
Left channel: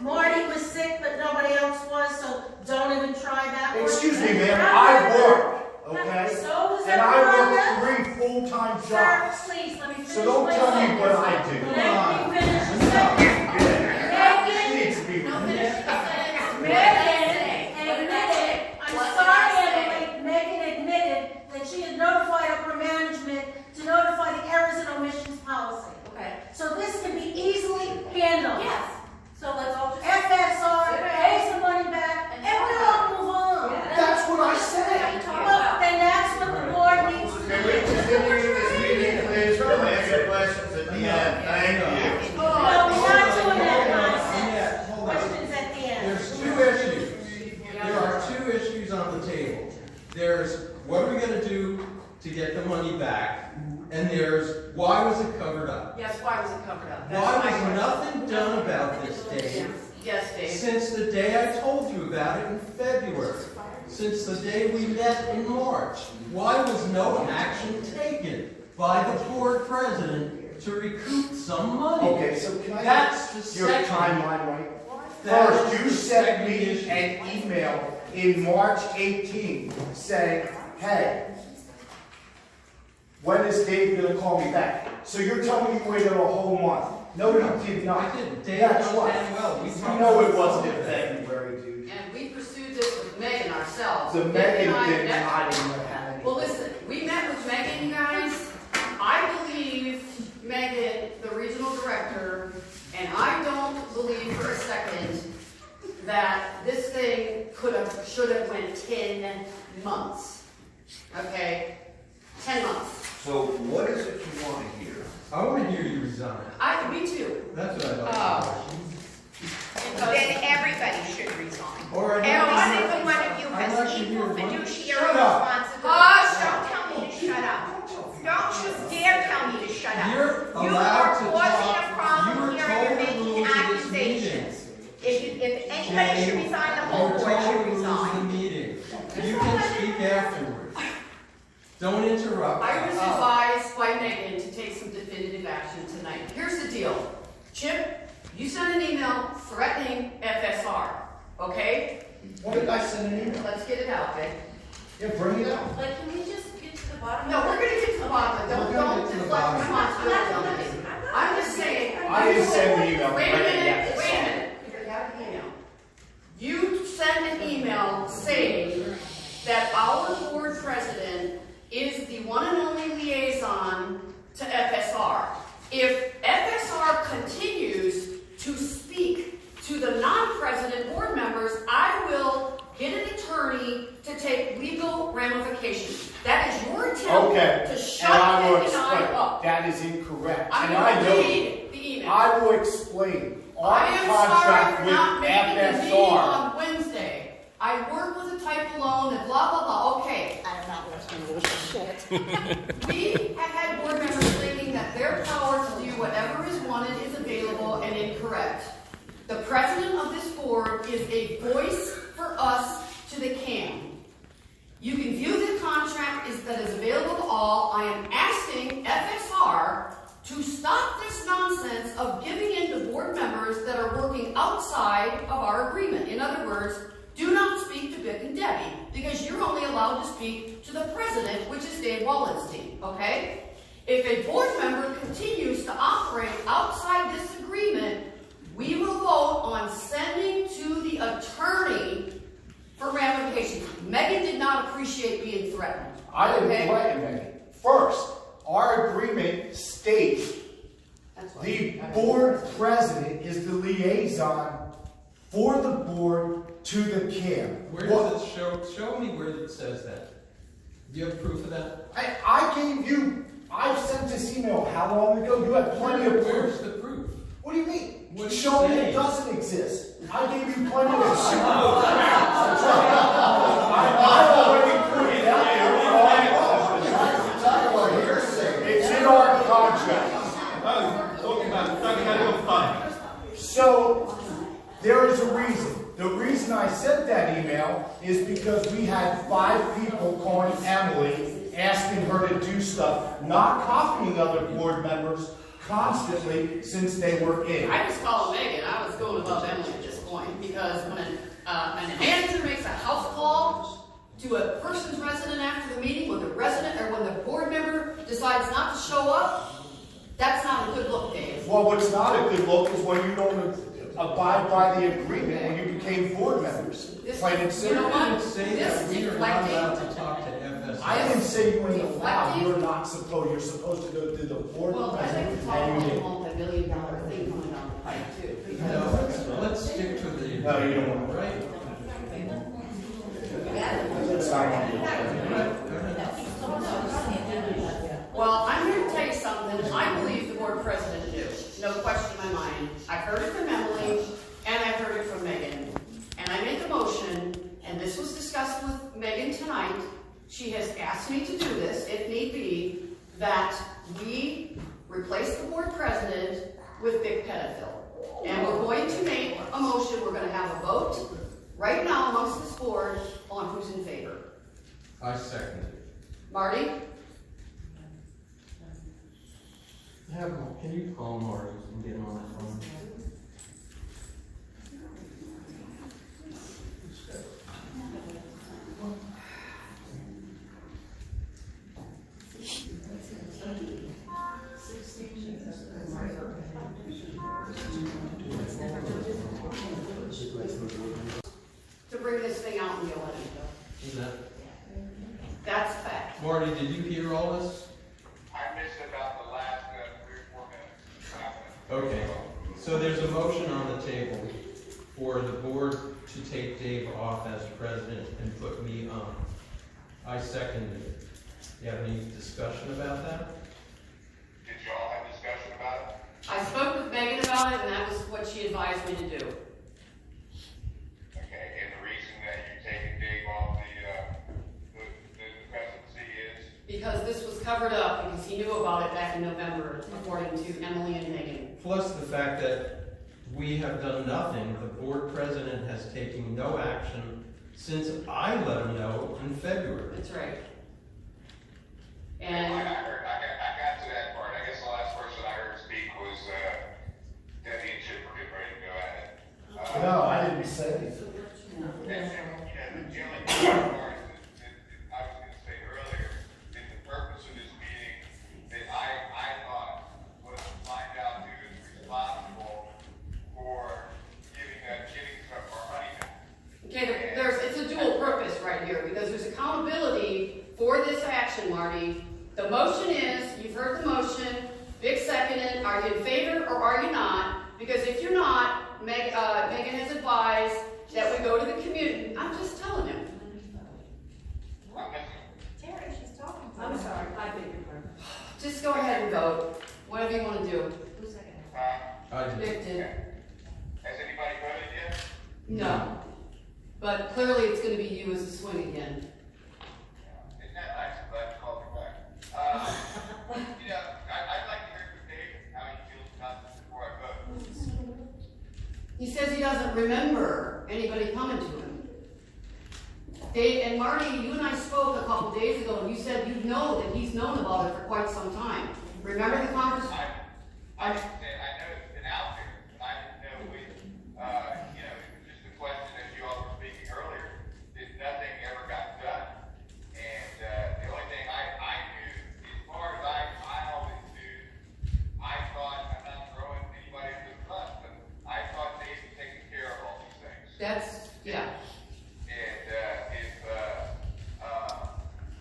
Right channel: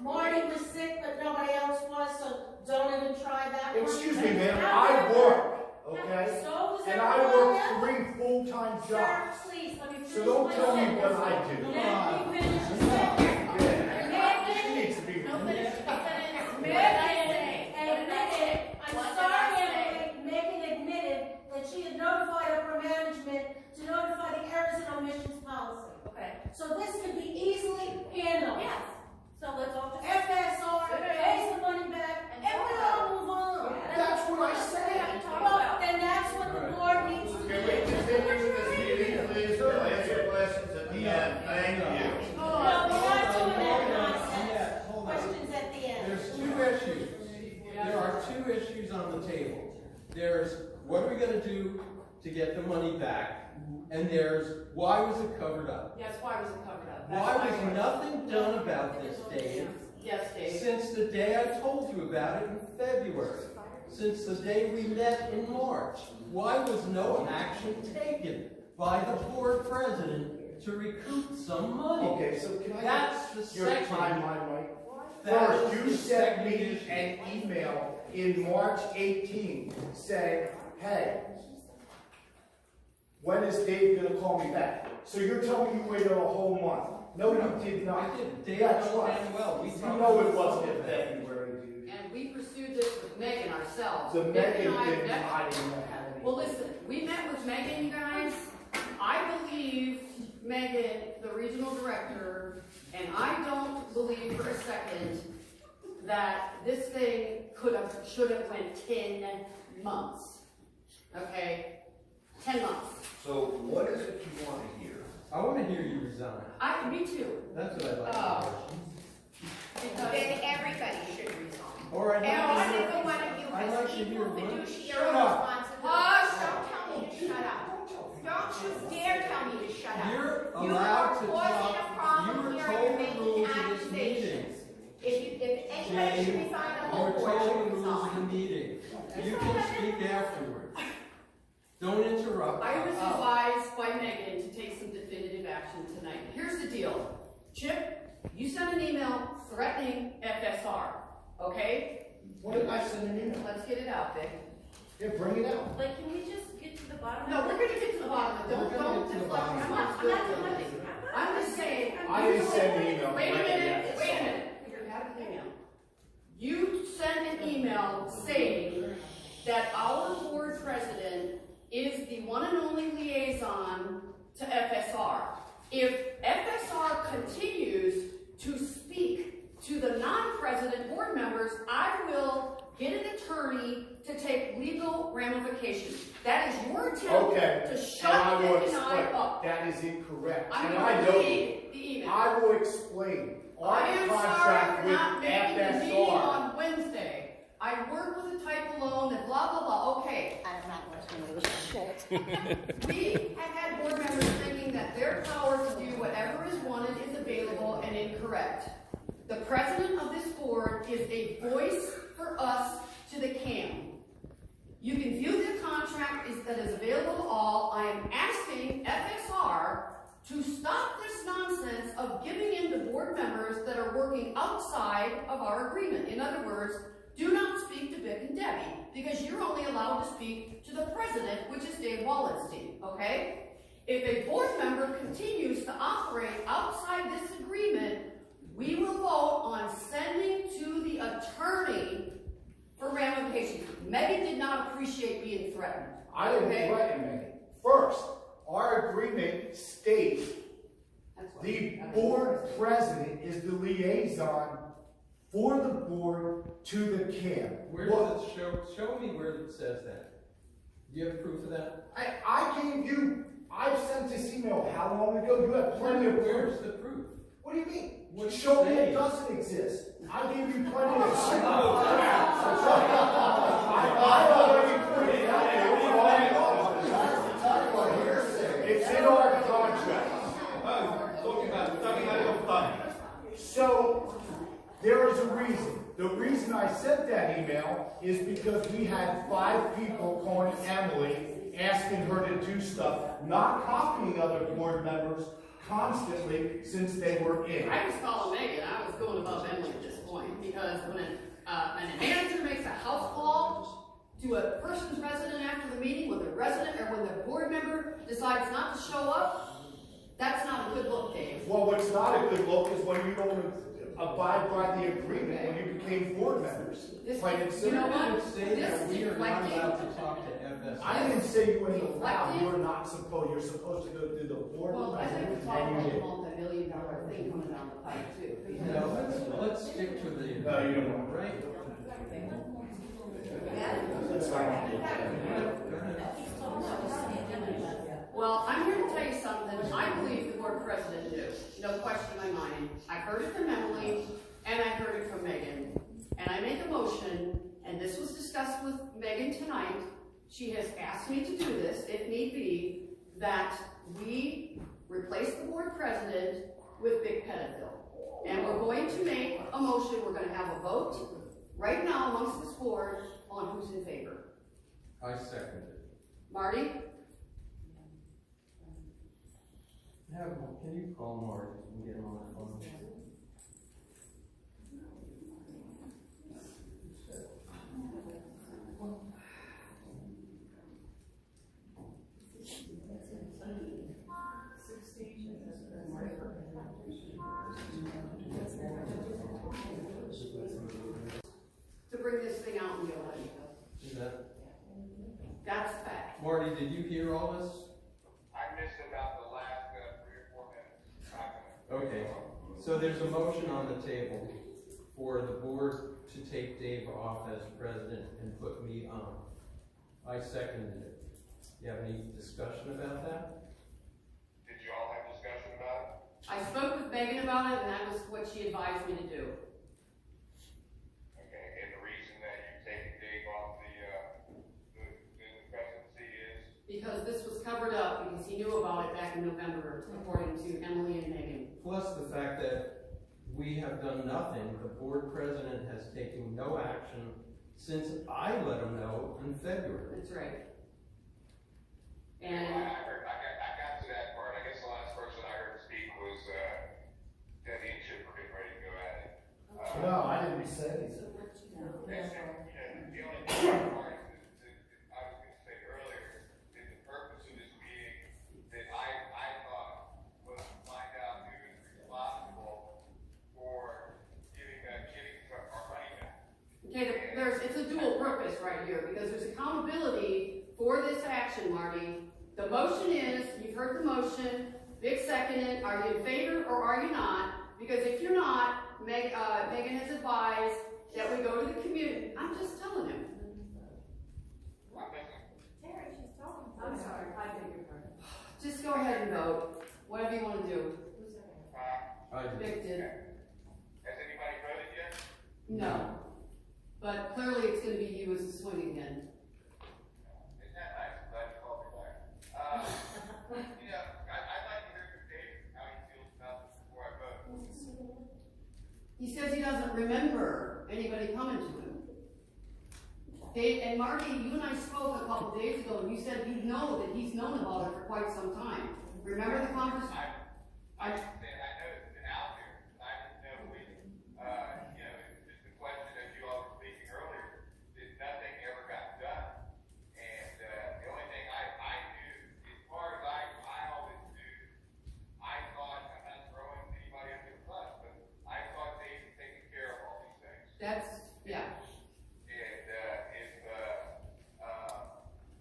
Marty was sick, but nobody else was, so don't even try that one. Excuse me, ma'am, I work, okay? So does And I everyone work else. 3 full-time Sir, jobs. please, let me finish. So don't my tell me sentence. what I do. Let me finish the sentence. She needs to be. I'm sorry, Emily, Megan admitted that she had notified upper management to notify the errors and omissions policy. Okay. So this can be easily handled. Yes. So let's all just. FSR, pays the money back, and we all move on. That's what I said. Well, then that's what the board needs to do. Can we continue this meeting, please? We'll answer questions at the end. Thank you. No, we're not doing that nonsense. Yeah, hold on. Questions at the end. There's 2 issues. There are 2 issues on the table. There's, what are we gonna do to get the money back? And there's, why was it covered up? Yes, why was it covered up? Why That's my was question. nothing done about this, Dave? Yes, Dave. Since the day I told you about it in February? Since the day we met in March? Why was no action taken by the board president to recoup some money? Okay, so can I That's get the your second. timeline right? That First, is you the sent second me issue. an email in March 18 saying, hey, when is Dave gonna call me back? So you're telling me you waited a whole month? No, you did not. I didn't. Dave That's knows right. damn well. We You talked know it about wasn't in that. February, dude. And we pursued this with Megan ourselves. The Megan Megan and I didn't, met- I didn't know how many. Well, listen, we met with Megan, you guys. I believe Megan, the regional director, and I don't believe for a second that this thing should have went 10 months. Okay? 10 months. So what is it you want to hear? I want to hear you resign. Me too. That's what I'd like to Then everybody should resign. Or I'd And like to hear- every one of you I'd has like to hear equal one- fiduciary Shut up. responsibility. Hush. Don't tell me to shut up. Don't you dare tell me to shut up. You're You allowed are to causing talk. a problem You were here, told you're the making rules of this accusations. If anybody Jane, should resign, the You whole were board told should the rules of the resign. meeting. You can speak afterwards. Don't interrupt. I was advised by Megan to take some definitive action tonight. Here's the deal. Chip, you sent an email threatening FSR, okay? What did I send an email? Let's get it out, Vic. Yeah, bring it out. But can we just get to the bottom? No, of we're it? gonna get to the bottom of it. We're gonna Don't get to the deflect bottom. responsibility on me. I'm just saying. I didn't send the email. Wait a minute, Yeah. wait a minute. You have the email. You sent an email saying that our board president is the one and only liaison to FSR. If FSR continues to speak to the non-president board members, I will get an attorney to take legal ramifications. That is your Okay, attempt to and shut I will Vic and I explain. up. That is incorrect. I'm And I going know. to read the email. I will explain. Our I am sorry contract for with not making the meeting FSR. on Wednesday. I work with a type loan and blah, blah, blah. Okay. I'm not listening to this shit. We have had board members thinking that their power to do whatever is wanted is available and incorrect. The president of this board is a voice for us to the CAM. You can view the contract that is available to all. I I am asking FSR to stop this nonsense of giving in to board members that are working outside of our agreement. In other words, do not speak to Vic and Debbie, because you're only allowed to speak to the president, which is Dave Wallenstein, okay? If a board member continues to operate outside this agreement, we will vote on sending to the attorney for ramifications. Megan did not appreciate being threatened. I didn't okay? threaten Megan. First, our agreement states That's what- the board president is the liaison for the board to the camp. Where does it show me where it says that? Do you have proof of that? I gave you, I sent this email how long ago? You have plenty of Where's proof. the proof? What do you mean? What do you Show me say? it doesn't exist. I gave you plenty of shit. I already put it out there for all of us. It's in our contract. So, there is a reason. The reason I sent that email is because we had 5 people calling Emily, asking her to do stuff, not copying other board members constantly since they were in. I was calling Megan. I was going above Emily at this point, because when a manager makes a house call to a person's resident after the meeting, when the resident or when the board member decides not to show up, that's not a good look, Dave. Well, what's not a good look is when you don't abide by the agreement when you became board members. Plain and You know simple. what? You didn't say that we are not allowed to talk to FSR. I didn't say you ain't allowed, you're supposed to go through the board Well, I think president, it's all and you a didn't. multi-million-dollar thing coming down the pipe too. No, let's stick to the. No, you don't want to. Right? It's not. Well, I'm here to tell you something. I believe the board president knew. No question in my mind. I heard it from Emily, and I heard it from Megan. And I made the motion, and this was discussed with Megan tonight. She has asked me to do this, if need be, that we replace the board president with Vic Pettifill. And we're going to make a motion. We're going to have a vote right now amongst this board on who's in favor. I second it. Marty? Can you call Marty and get him on the phone? To bring this thing out and go in. Is that, That's a fact. Marty, did you hear all this? I missed about the last 3 or 4 minutes. Okay, so there's a motion on the table for the board to take Dave off as president and put me on. I seconded it. You have any discussion about that? Did y'all have discussion about it? I spoke with Megan about it, and that was what she advised me to do. Okay, and the reason that you're taking Dave off the presidency is? Because this was covered up, because he knew about it back in November, according to Emily and Megan. Plus the fact that we have done nothing, the board president has taken no action since I let him know in February. That's right. I And got to that part. I guess the last person I heard speak was Debbie and Chip were getting ready to go at it. No, I didn't say anything. And the only part that I was going to say earlier is the purpose of this meeting that I thought was to find out who is responsible for giving our money back. okay, it's a dual purpose right here, because there's accountability for this action, Marty. The motion is, you've heard the motion, Vic seconded, are you in favor or are you not? Because if you're not, Megan has advised that we go to the community. I'm just telling him. Terry, she's talking. I'm sorry, I beg your pardon. Just go ahead and vote, whatever you want to do. Who's second? I did. Vic did. Has anybody voted yet? No. But clearly it's going to be you as a swing again. Isn't that nice? I'm glad you called me back. I'd like to hear from Dave how he feels about this before I vote. He says he doesn't remember anybody coming to him. Dave and Marty, you and I spoke a couple days ago, and you said you know that he's known about it for quite some time. Remember the conversation? I know it's been out there, but I didn't know when, you know, just the question that you all were speaking earlier, that nothing ever got done. And, the only thing I knew, as far as I always knew, I thought, I'm not throwing anybody under the bus, but I thought they were taking care of all these things. That's, yeah. And,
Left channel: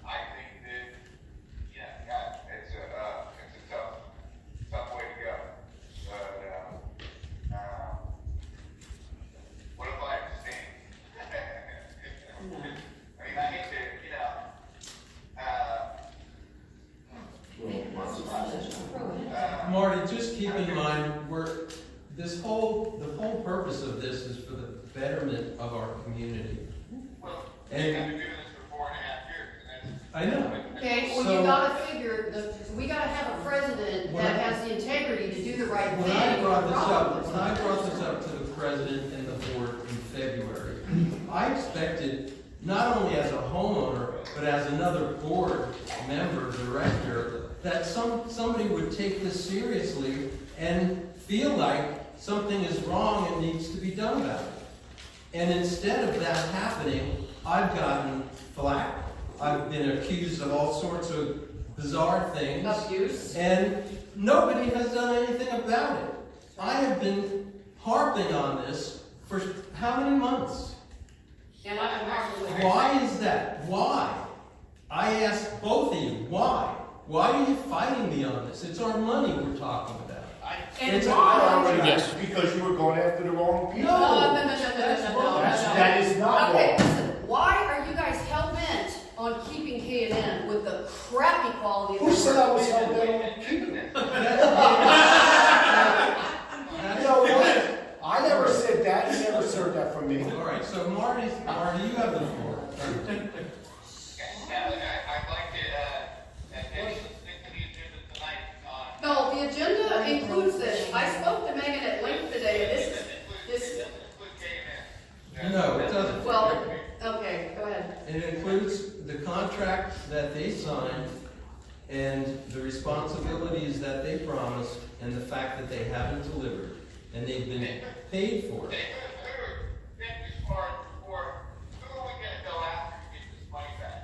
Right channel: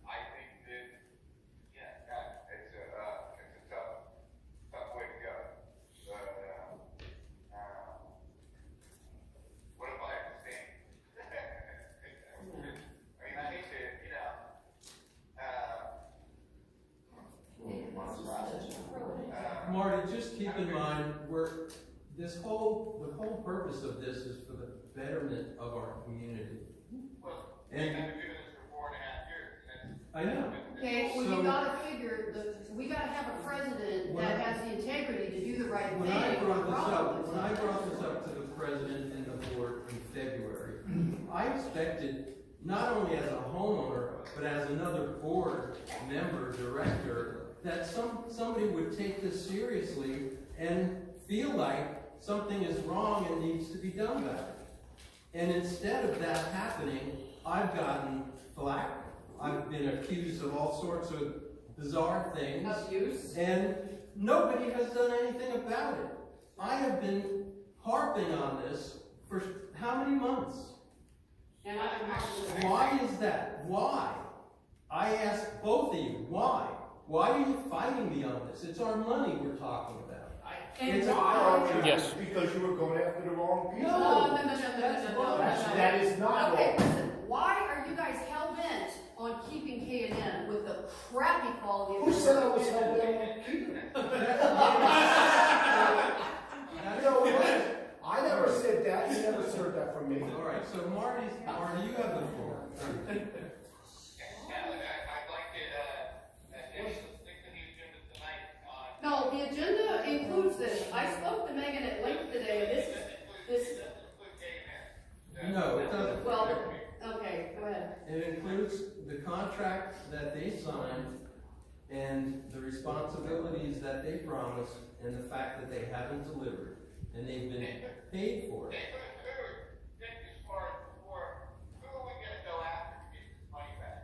I think that, yeah, it's a tough way to go. But, what if I abstain? I mean, I hate to, Marty, just keep in mind, the whole purpose of this is for the betterment of our community. well, we've been And doing this for 4.5 years, and I know, Okay, well, So- you gotta figure, we gotta have a president When that I- has the integrity to do the right thing. when I brought this Problem. up to the president and the board in February, I expected, not only as a homeowner, but as another board member, director, that somebody would take this seriously and feel like something is wrong and needs to be done about it. And instead of that happening, I've gotten flack. I've been accused of all sorts of bizarre things. Abuse. And nobody has done anything about it. I have been harping on this for how many months? And I've been hard. Why is that? Why? I ask both of you, why? Why are you fighting me on this? It's our money we're talking about. And It's why? Yes. Because you were going after the wrong people. No. That is not Okay, wrong. listen, why are you guys hell-bent on keeping K&N with the crappy quality of Who said I was service? helping them keep it? You know what? I never said that, you never heard that from me. All right, so Marty, you have the floor. I'd like to, maybe stick to the agenda tonight on. No, the agenda includes this. I spoke to Megan at length today, this, No, it doesn't. well, okay, go ahead. It includes the contract that they signed and the responsibilities that they promised and the fact that they haven't delivered. And they've been paid for it. Think as far as before, who are we gonna go after to get this money back?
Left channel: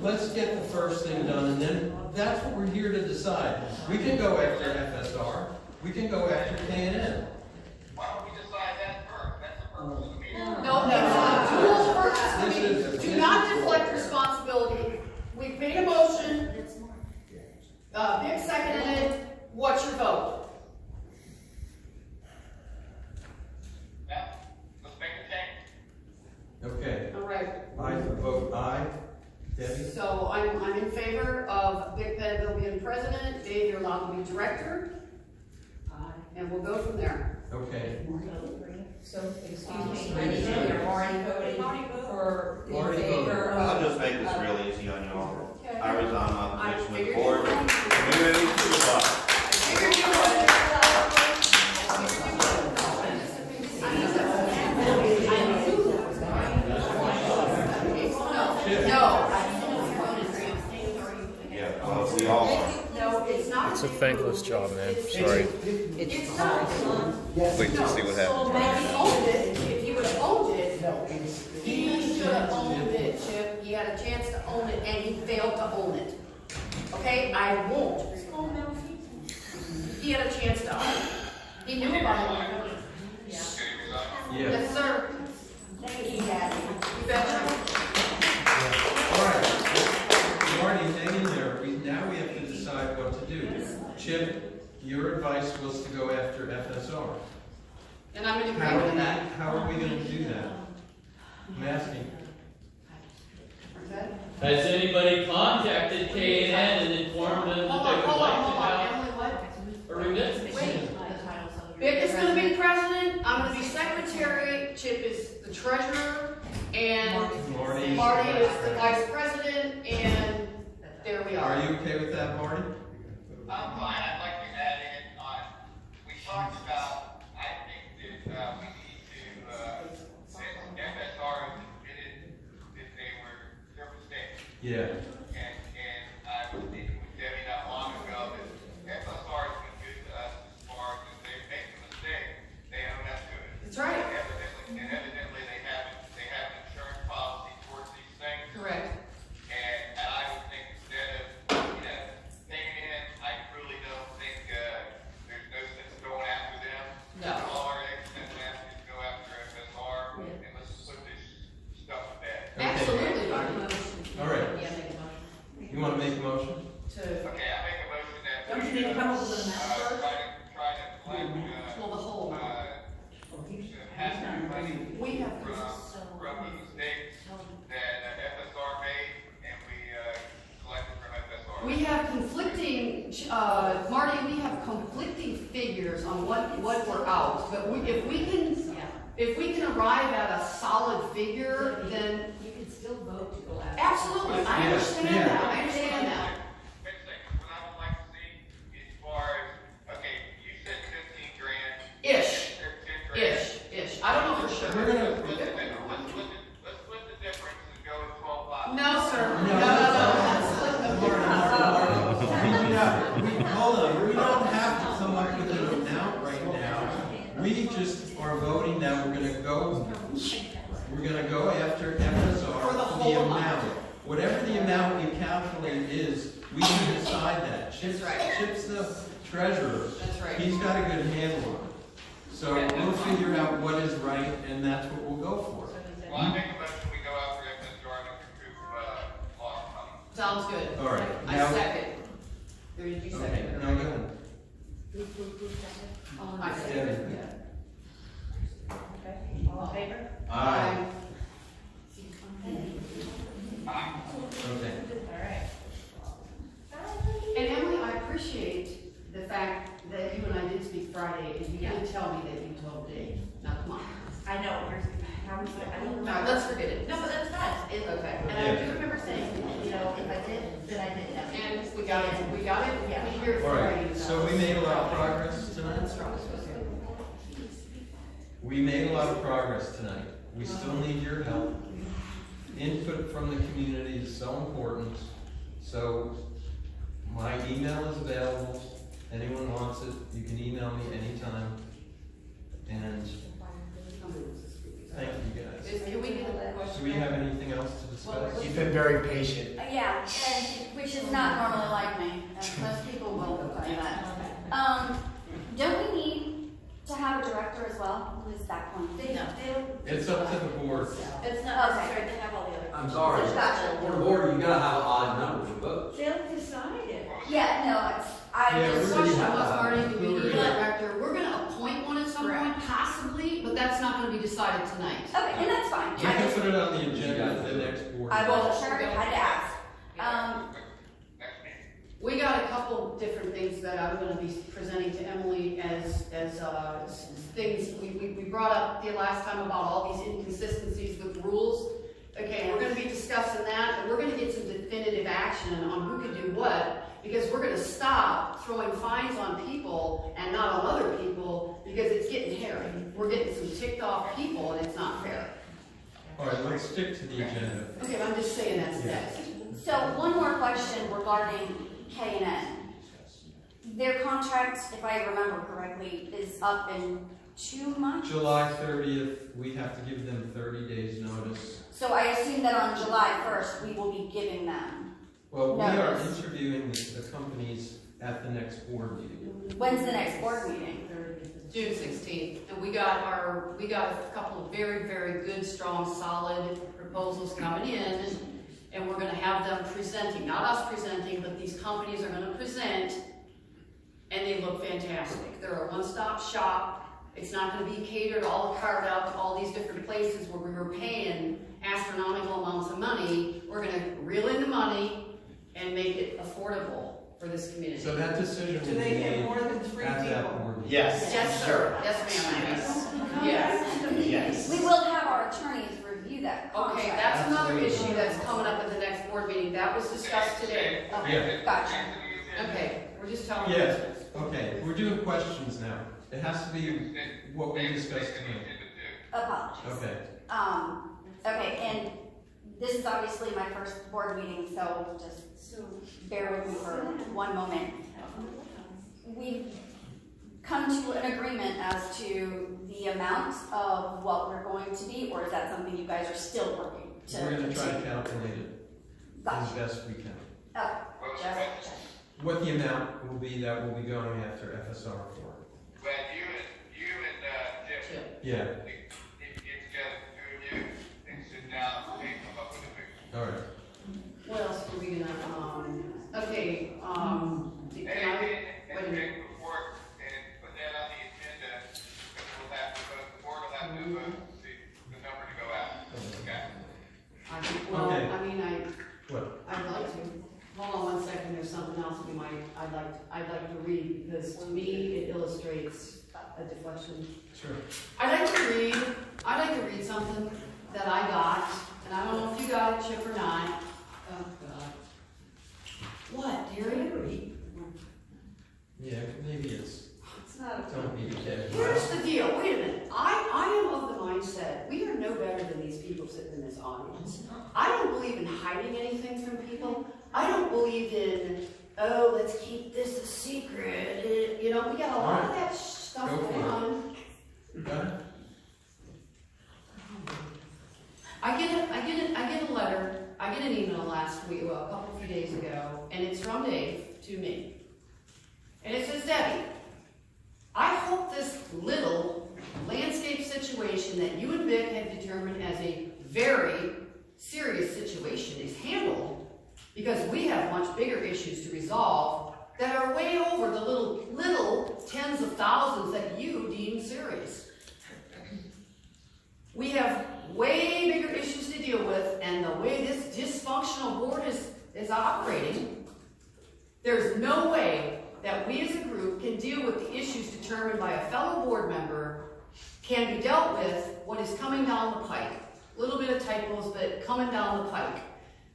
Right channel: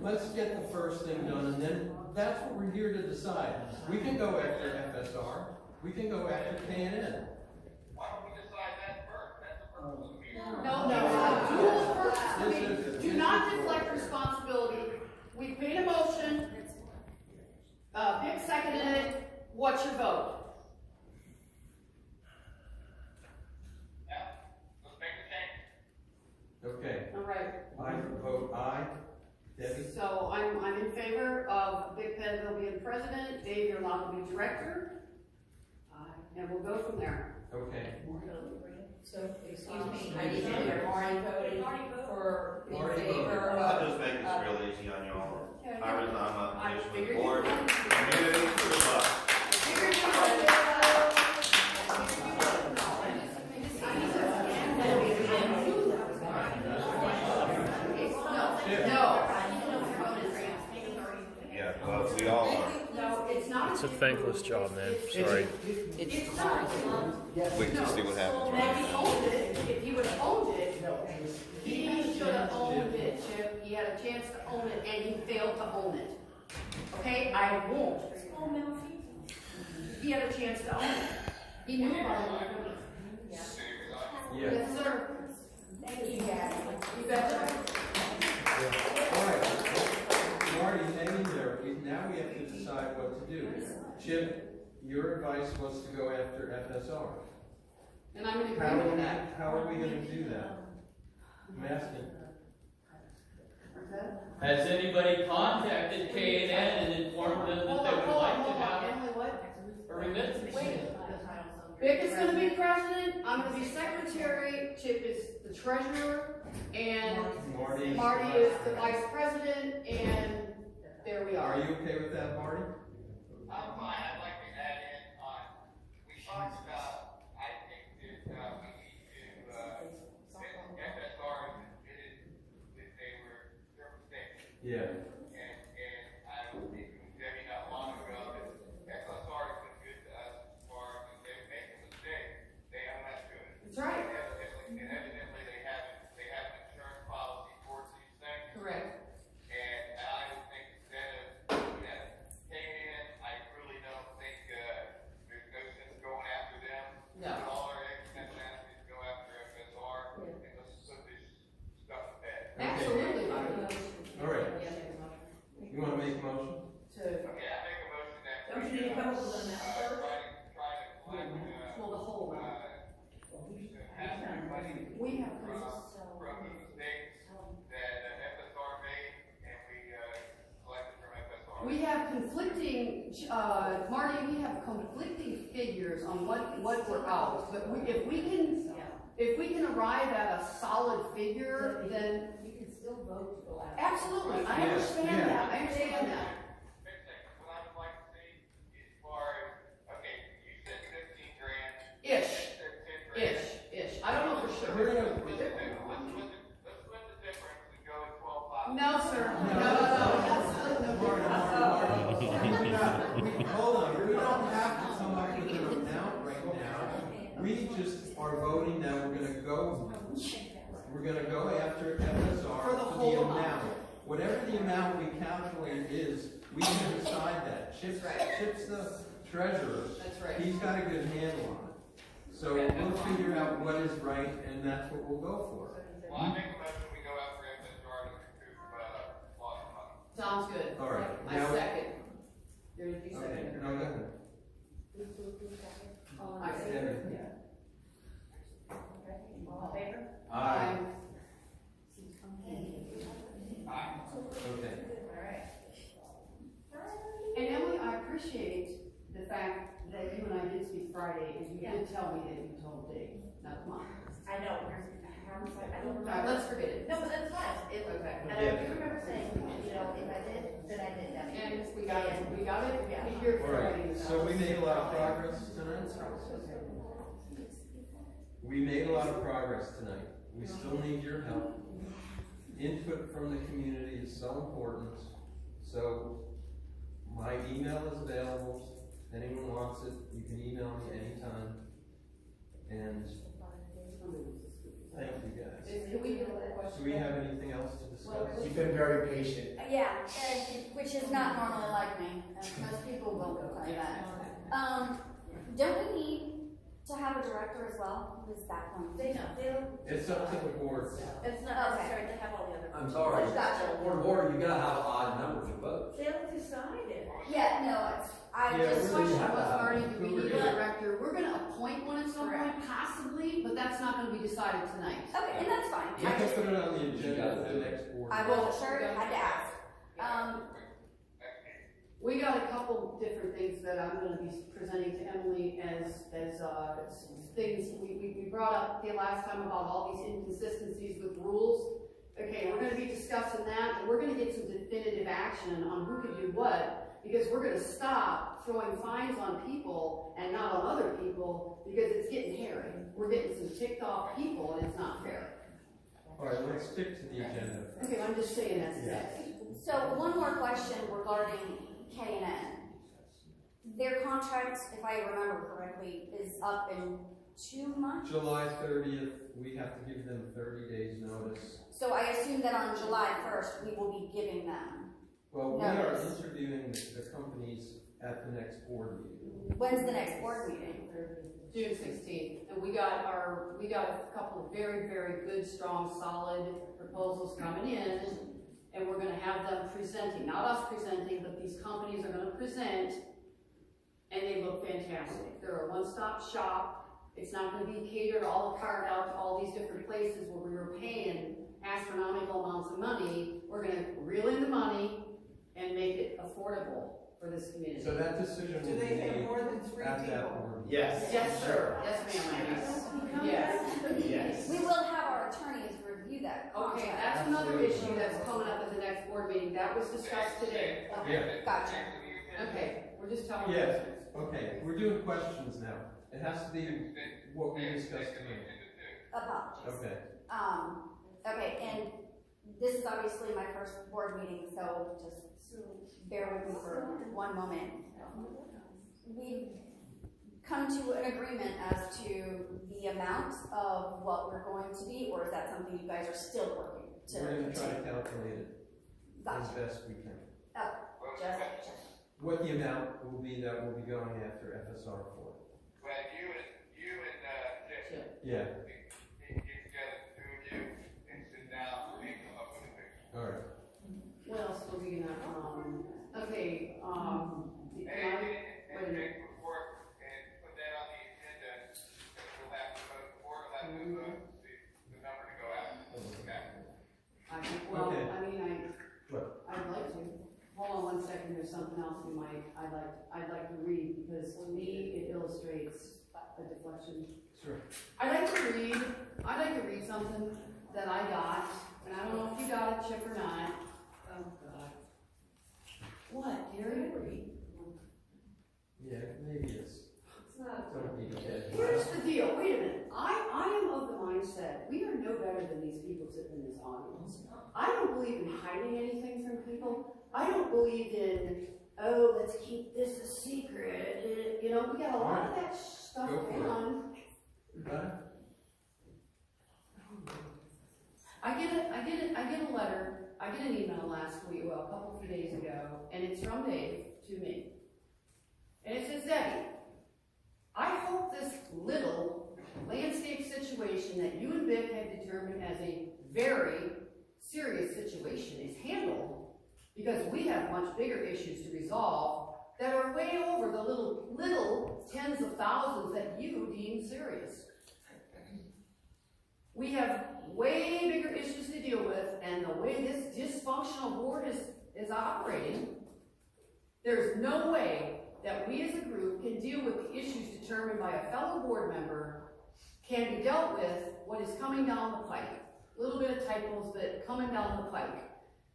Let's get the first thing done, and then that's what we're here to decide. We can go after FSR, we can go after K&N. Why don't we decide that first? That's the purpose of the meeting. No, dual purpose meeting. Do not deflect responsibility. We've made a motion. Nick seconded it. What's your vote? Now, let's make a change. Okay, All right. I vote aye. Debbie? So I'm in favor of Vic Penville being president. Dave, you're allowed to be director. And we'll go from there. Okay. So, excuse me, I need to hear Marty voting for, in Marty favor I'll of. just make this real easy on y'all. I resign my position with figured the board, you would. community, supervisor. I figured you would. No. Yeah, well, we all are. No, it's not. It's a thankless job, man. Sorry. It's not. Wait to see what happens. If he owned it, if he would have owned it, he should have owned it, Chip. He had a chance to own it and he failed to own it. Okay, I won't. He had a chance to own it. He knew about it. Yeah. Yes, sir. Thank you, Daddy. You betcha. All right. Marty, hang in there. Now we have to decide what to do. Chip, your advice was to go after FSR. And I'm in agreement with that. How are we gonna do that? I'm asking. Okay. Has anybody contacted K&N and informed them that Hold they on, would hold on, like hold to on. have Emily, what? a remittance? Wait. Vic is gonna be president, I'm gonna be secretary, Chip is the treasurer, and Marty is the vice president, and there we Are are. you okay with that, Marty? I'm fine, I'd like to add in on, we talked about, I think that, we need to, Yeah. And I was speaking with Debbie not long ago that FSR has been good to us as far as if they make a mistake, they own up to it. That's right. And evidently they have an insurance policy towards these things. Correct. And I would think instead of, paying in, I truly don't think, there's no sense going after them. No. All our eggs in that basket go after FSR, and let's put this stuff to bed. Okay. Absolutely. All right. Yeah, make a motion. You wanna make a motion? To, Okay, I make a motion that. Don't you need to come up with an amount first? Try to collect, well, the whole, has to be money we have, from the mistakes that FSR made, and we, collected from FSR. we have conflicting, Marty, we have conflicting figures on what we're out. But if we can arrive at a solid figure, then You can still vote to go after. absolutely, I understand Yeah. that, I understand that. Wait a second, what I would like to see as far as, okay, you said 15 grand. Ish, 10 grand. ish, I don't know for sure. We're gonna, Let's split the difference and go to 12,500. No, sir, No. no, that's split the hold on, we don't have to come up with an amount right now. We just are voting now, we're gonna go after FSR For the for whole the amount. amount. Whatever the amount you calculate is, we can decide that. Chip's, That's right. Chip's the treasurer. That's right. He's got a good handle on it. So we'll figure out what is right, and that's what we'll go for. Well, I make a motion, we go after FSR to recoup, lost money. Sounds good. All right. I Now- second. Or did you Okay, second? no, go ahead. I second. Debbie. Okay, all in favor? Aye. Okay. All right. And Emily, I appreciate the fact that you and I did speak Friday, and you did tell me that you told Dave. Now, come on. I know, here's, how was it, I don't Now, remember. let's forget it. No, but that's fine. Okay. And I do remember saying, if I did, then I didn't have. And we got it, we Yeah. here All Friday. right, so we made a lot of progress tonight. We made a lot of progress tonight. We still need your help. Input from the community is so important. So my email is available. Anyone wants it, you can email me anytime. And thank you guys. Can we get a question? Do we have anything else to discuss? You've been very patient. Yeah, and, which is not normally like me, and most people will do that. Don't we need to have a director as well? Who's that one? It's up to the board. It's not necessary to have all the other. I'm sorry, Gotcha. for the board, you gotta have an odd number for votes. They'll decide it. Yeah, no, I Yeah, just. The we're question was, Marty, do we need a But- director? We're gonna appoint one at some point, possibly, but that's not gonna be decided tonight. Okay, and that's fine. We can put it on the agenda for the next board. I wasn't sure, I had to ask. We got a couple different things that I'm gonna be presenting to Emily as things, we brought up the last time about all these inconsistencies with rules. Okay, we're gonna be discussing that, and we're gonna get some definitive action on who can do what, because we're gonna stop throwing fines on people and not on other people, because it's getting hairy. We're getting some ticked off people, and it's not fair. All right, let's stick to the agenda. Okay, but I'm just saying that's next. So one more question regarding K&N. Their contract, if I remember correctly, is up in 2 months? July 30th, we have to give them 30 days notice. So I assume that on July 1st, we will be giving them. Well, we are Notice. interviewing the companies at the next board meeting. When's the next board meeting? June 16th, and we got a couple of very, very good, strong, solid proposals coming in, and we're gonna have them presenting, not us presenting, but these companies are gonna present, and they look fantastic. They're a one-stop shop. It's not gonna be catered, all carved out to all these different places where we were paying astronomical amounts of money. We're gonna reel in the money and make it affordable for this community. So that decision will be made at that board meeting. Yes. Yes, sir. Yes, ma'am. Yes. Yes. We will have our attorneys review that contract. Okay, that's another issue that's coming up at the next board meeting. That was discussed today. Yeah. Gotcha. Okay, we're just telling you. Yes, okay, we're doing questions now. It has to be what we discussed tonight. Apologies. Okay. Okay, and this is obviously my first board meeting, so just bear with me for one moment. We've come to an agreement as to the amount of what we're going to be, or is that something you guys are still working to? We're gonna try to calculate it as Gotcha. best we can. Oh, just. What the amount will be that will be going after FSR for. Well, you and Jim, Yeah, get together, the two of you, and sit down and come up with a figure. all right. What else were we gonna, okay, can I, wait a minute. Before, and put that on the agenda, because we'll have to vote, the board will have to vote to see the number to go out. Okay? Okay. What? I'd like to, hold on one second, there's something else I'd like to read, because to me, it illustrates a deflection. Sure. I'd like to read something that I got, and I don't know if you got it, Chip, or not. Oh, God. What, dearie? Yeah, maybe it's, don't be dead. Here's the deal, wait a minute. I am of the mindset, we are no better than these people sitting in this audience. I don't believe in hiding anything from people. I don't believe in, oh, let's keep this a secret. You know, we got a lot of that stuff Go for going it. on. You got it? I get a letter, I get an email last week, well, a few days ago, and it's from Dave to me. And it says, Debbie, I hope this little landscape situation that you and Vic have determined as a very serious situation is handled, because we have much bigger issues to resolve that are way over the little tens of thousands that you deem serious. We have way bigger issues to deal with, and the way this dysfunctional board is operating, there's no way that we as a group can deal with the issues determined by a fellow board member can be dealt with what is coming down the pike. A little bit of typos, but coming down the pike.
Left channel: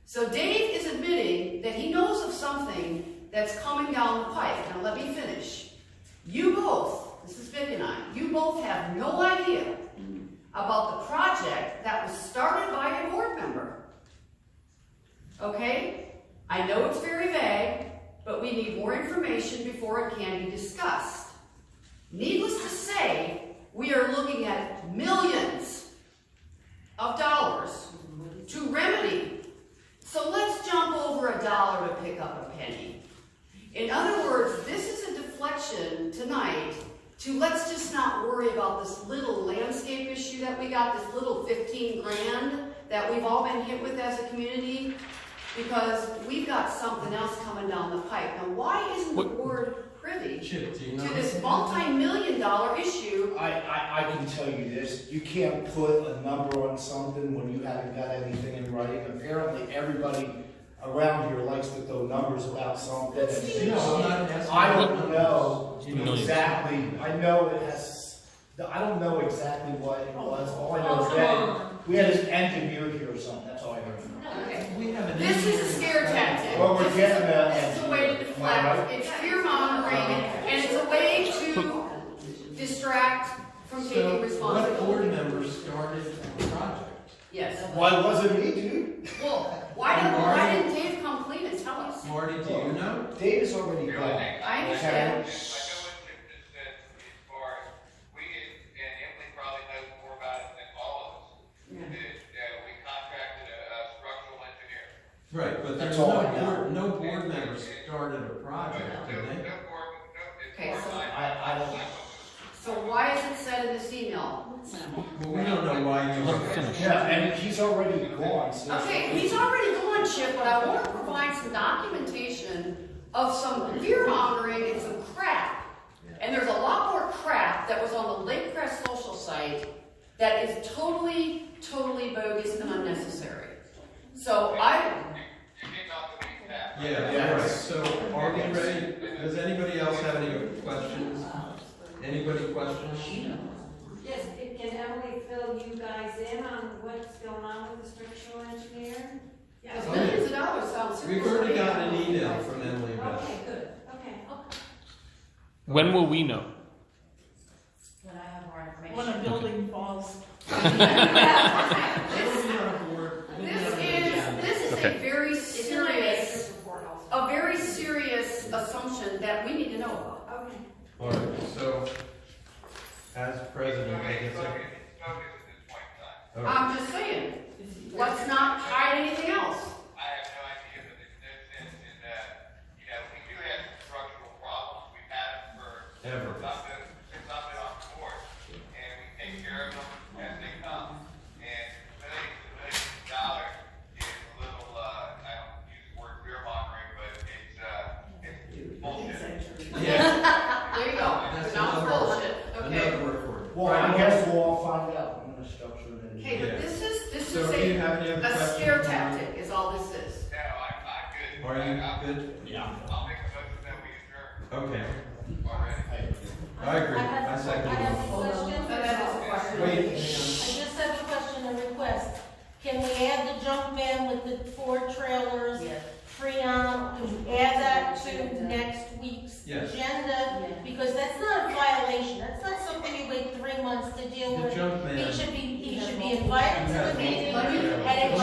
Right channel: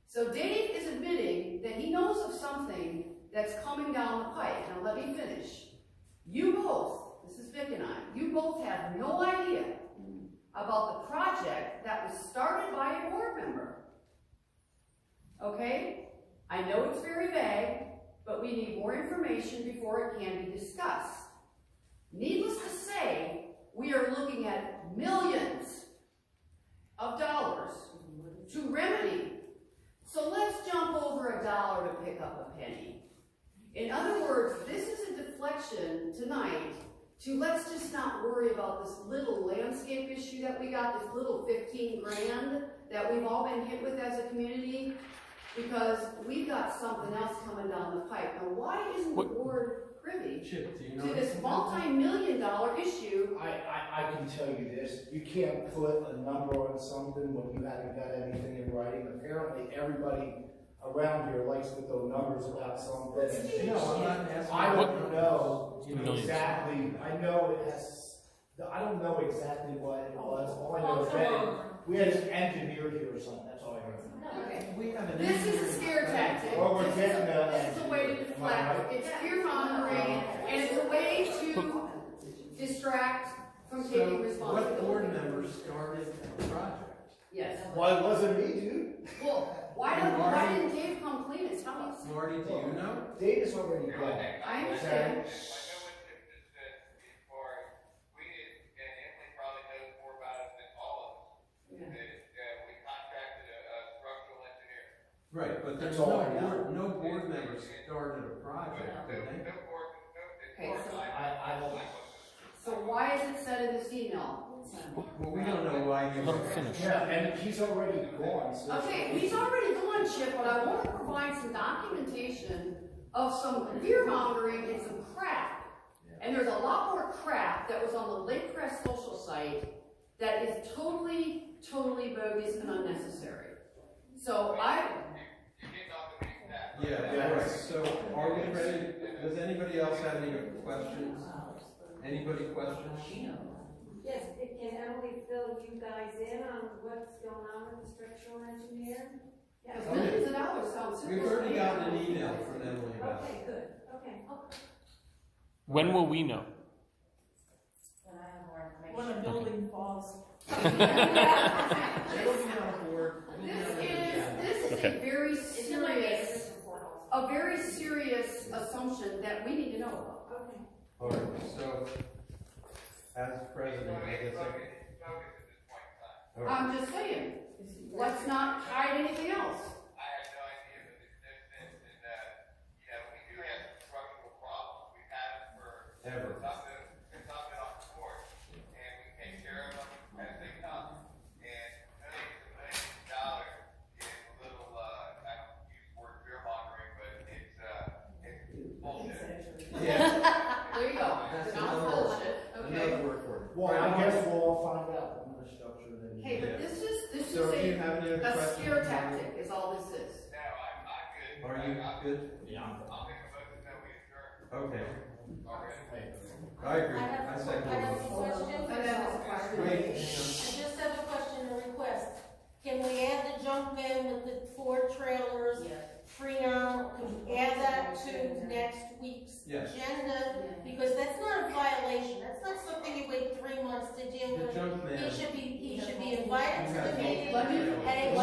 So Dave is admitting that he knows of something that's coming down the pike. Now let me finish. You both, this is Vic and I, you both have no idea about the project that was started by a board member. Okay? I know it's very vague, but we need more information before it can be discussed. Needless to say, we are looking at millions of dollars to remedy. So let's jump over $1 to pick up a penny. In other words, this is a deflection tonight to let's just not worry about this little landscape issue that we got, this little 15 grand that we've all been hit with as a community, because we've got something else coming down the pipe. Now, why isn't the board privy Chip, do you know to this anything? multi-million-dollar issue? I can tell you this, you can't put a number on something when you haven't got anything in writing. Apparently, everybody around here likes to throw numbers about something. And No, I'm not asking. I don't know Millions. exactly, I know it has, I don't know exactly what it was. All I know is that we had an engineer here or something, that's all I heard. Okay. We have an This is a engineering scare tactic. Well, we're This is getting a- that This is a way to engineer. Am I right? deflect. It's fear mongering, and it's a way to distract from So, taking what responsibility. board member started the project? Yes. Why wasn't me, dude? Well, why didn't Dave come clean and tell us? Marty, do you know? Dave is already The only gone. thing I I understand. know what Chip just said, as far as we, and Emily probably knows more about it than all of us, that we contracted a structural engineer. Right, but there's That's all I know. no board member started a project, did they? No board, no, as Okay, far as so- I don't. So why is it said in this email? Well, we don't know why you. Let me finish. Yeah, and he's already gone, so. Okay, he's already gone, Chip, but I want to provide some documentation of some fear mongering and some crap. And there's a lot more crap that was on the Lakecrest social site that is totally bogus and unnecessary. So You get off the beaten path. Yeah, all right, so are we ready? Does anybody else have any questions? Anybody questions? Yes, can Emily fill you guys in on what's going on with the structural engineer? because millions of dollars sounds super. We've already gotten an email from Emily about it. Okay, good, okay. When will we know? When I have more information. When a building falls. We'll be on board. We'll be This on board. is Okay. very It's in my serious, manager's report also. a very serious assumption that we need to know about. Okay. All right, so, as president, I guess It's bogus at this point in time. all right. I'm just saying, let's not hide anything else. I have no idea, but there's no sense in that, we do have some structural problems. We've had them for Ever. since I've been on the board. And we take care of them as they come. And millions and millions of dollars is a little, I don't use the word fear mongering, but it's bullshit. Yeah, There you go. That's Not another- bullshit, okay? another word for it. Well, I guess we'll all find out when the structure of it. Okay, but this is So do you have any other a questions? scare tactic, is all this is. No, I'm good. Are you good? Yeah. I'll make a motion that we adjourn Okay, already. I agree, I second I have a it. question. That is a question. Wait, hang I just have a question, a request. Can we add the junk van with the 4 trailers, Freon, can we add that to next week's Yes. agenda? Because that's not a violation, that's not something you wait 3 months to deal The with. junk man. He should be invited to the meeting, Let me- and it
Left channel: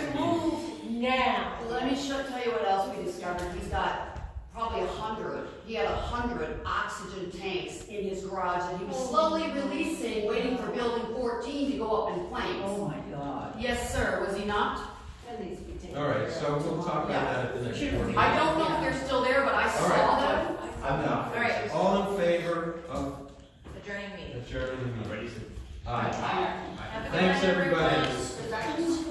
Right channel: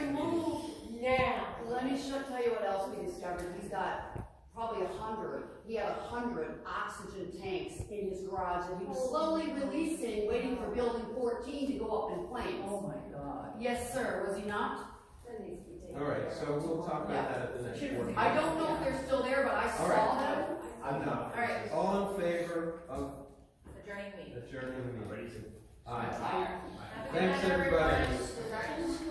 should be removed now. Let me tell you what else we discovered. He's got probably 100, he had 100 oxygen tanks in his garage that he was slowly releasing, waiting for building 14 to go up in flames. Oh my God. Yes, sir, was he not? All right, so we'll talk about that at the next board meeting. I don't know if they're still there, but I All saw right. them. I'm not. All right. All in favor of Adjourning meeting. adjourning the meeting? Aye. Have a good Thanks, night, everybody. everyone.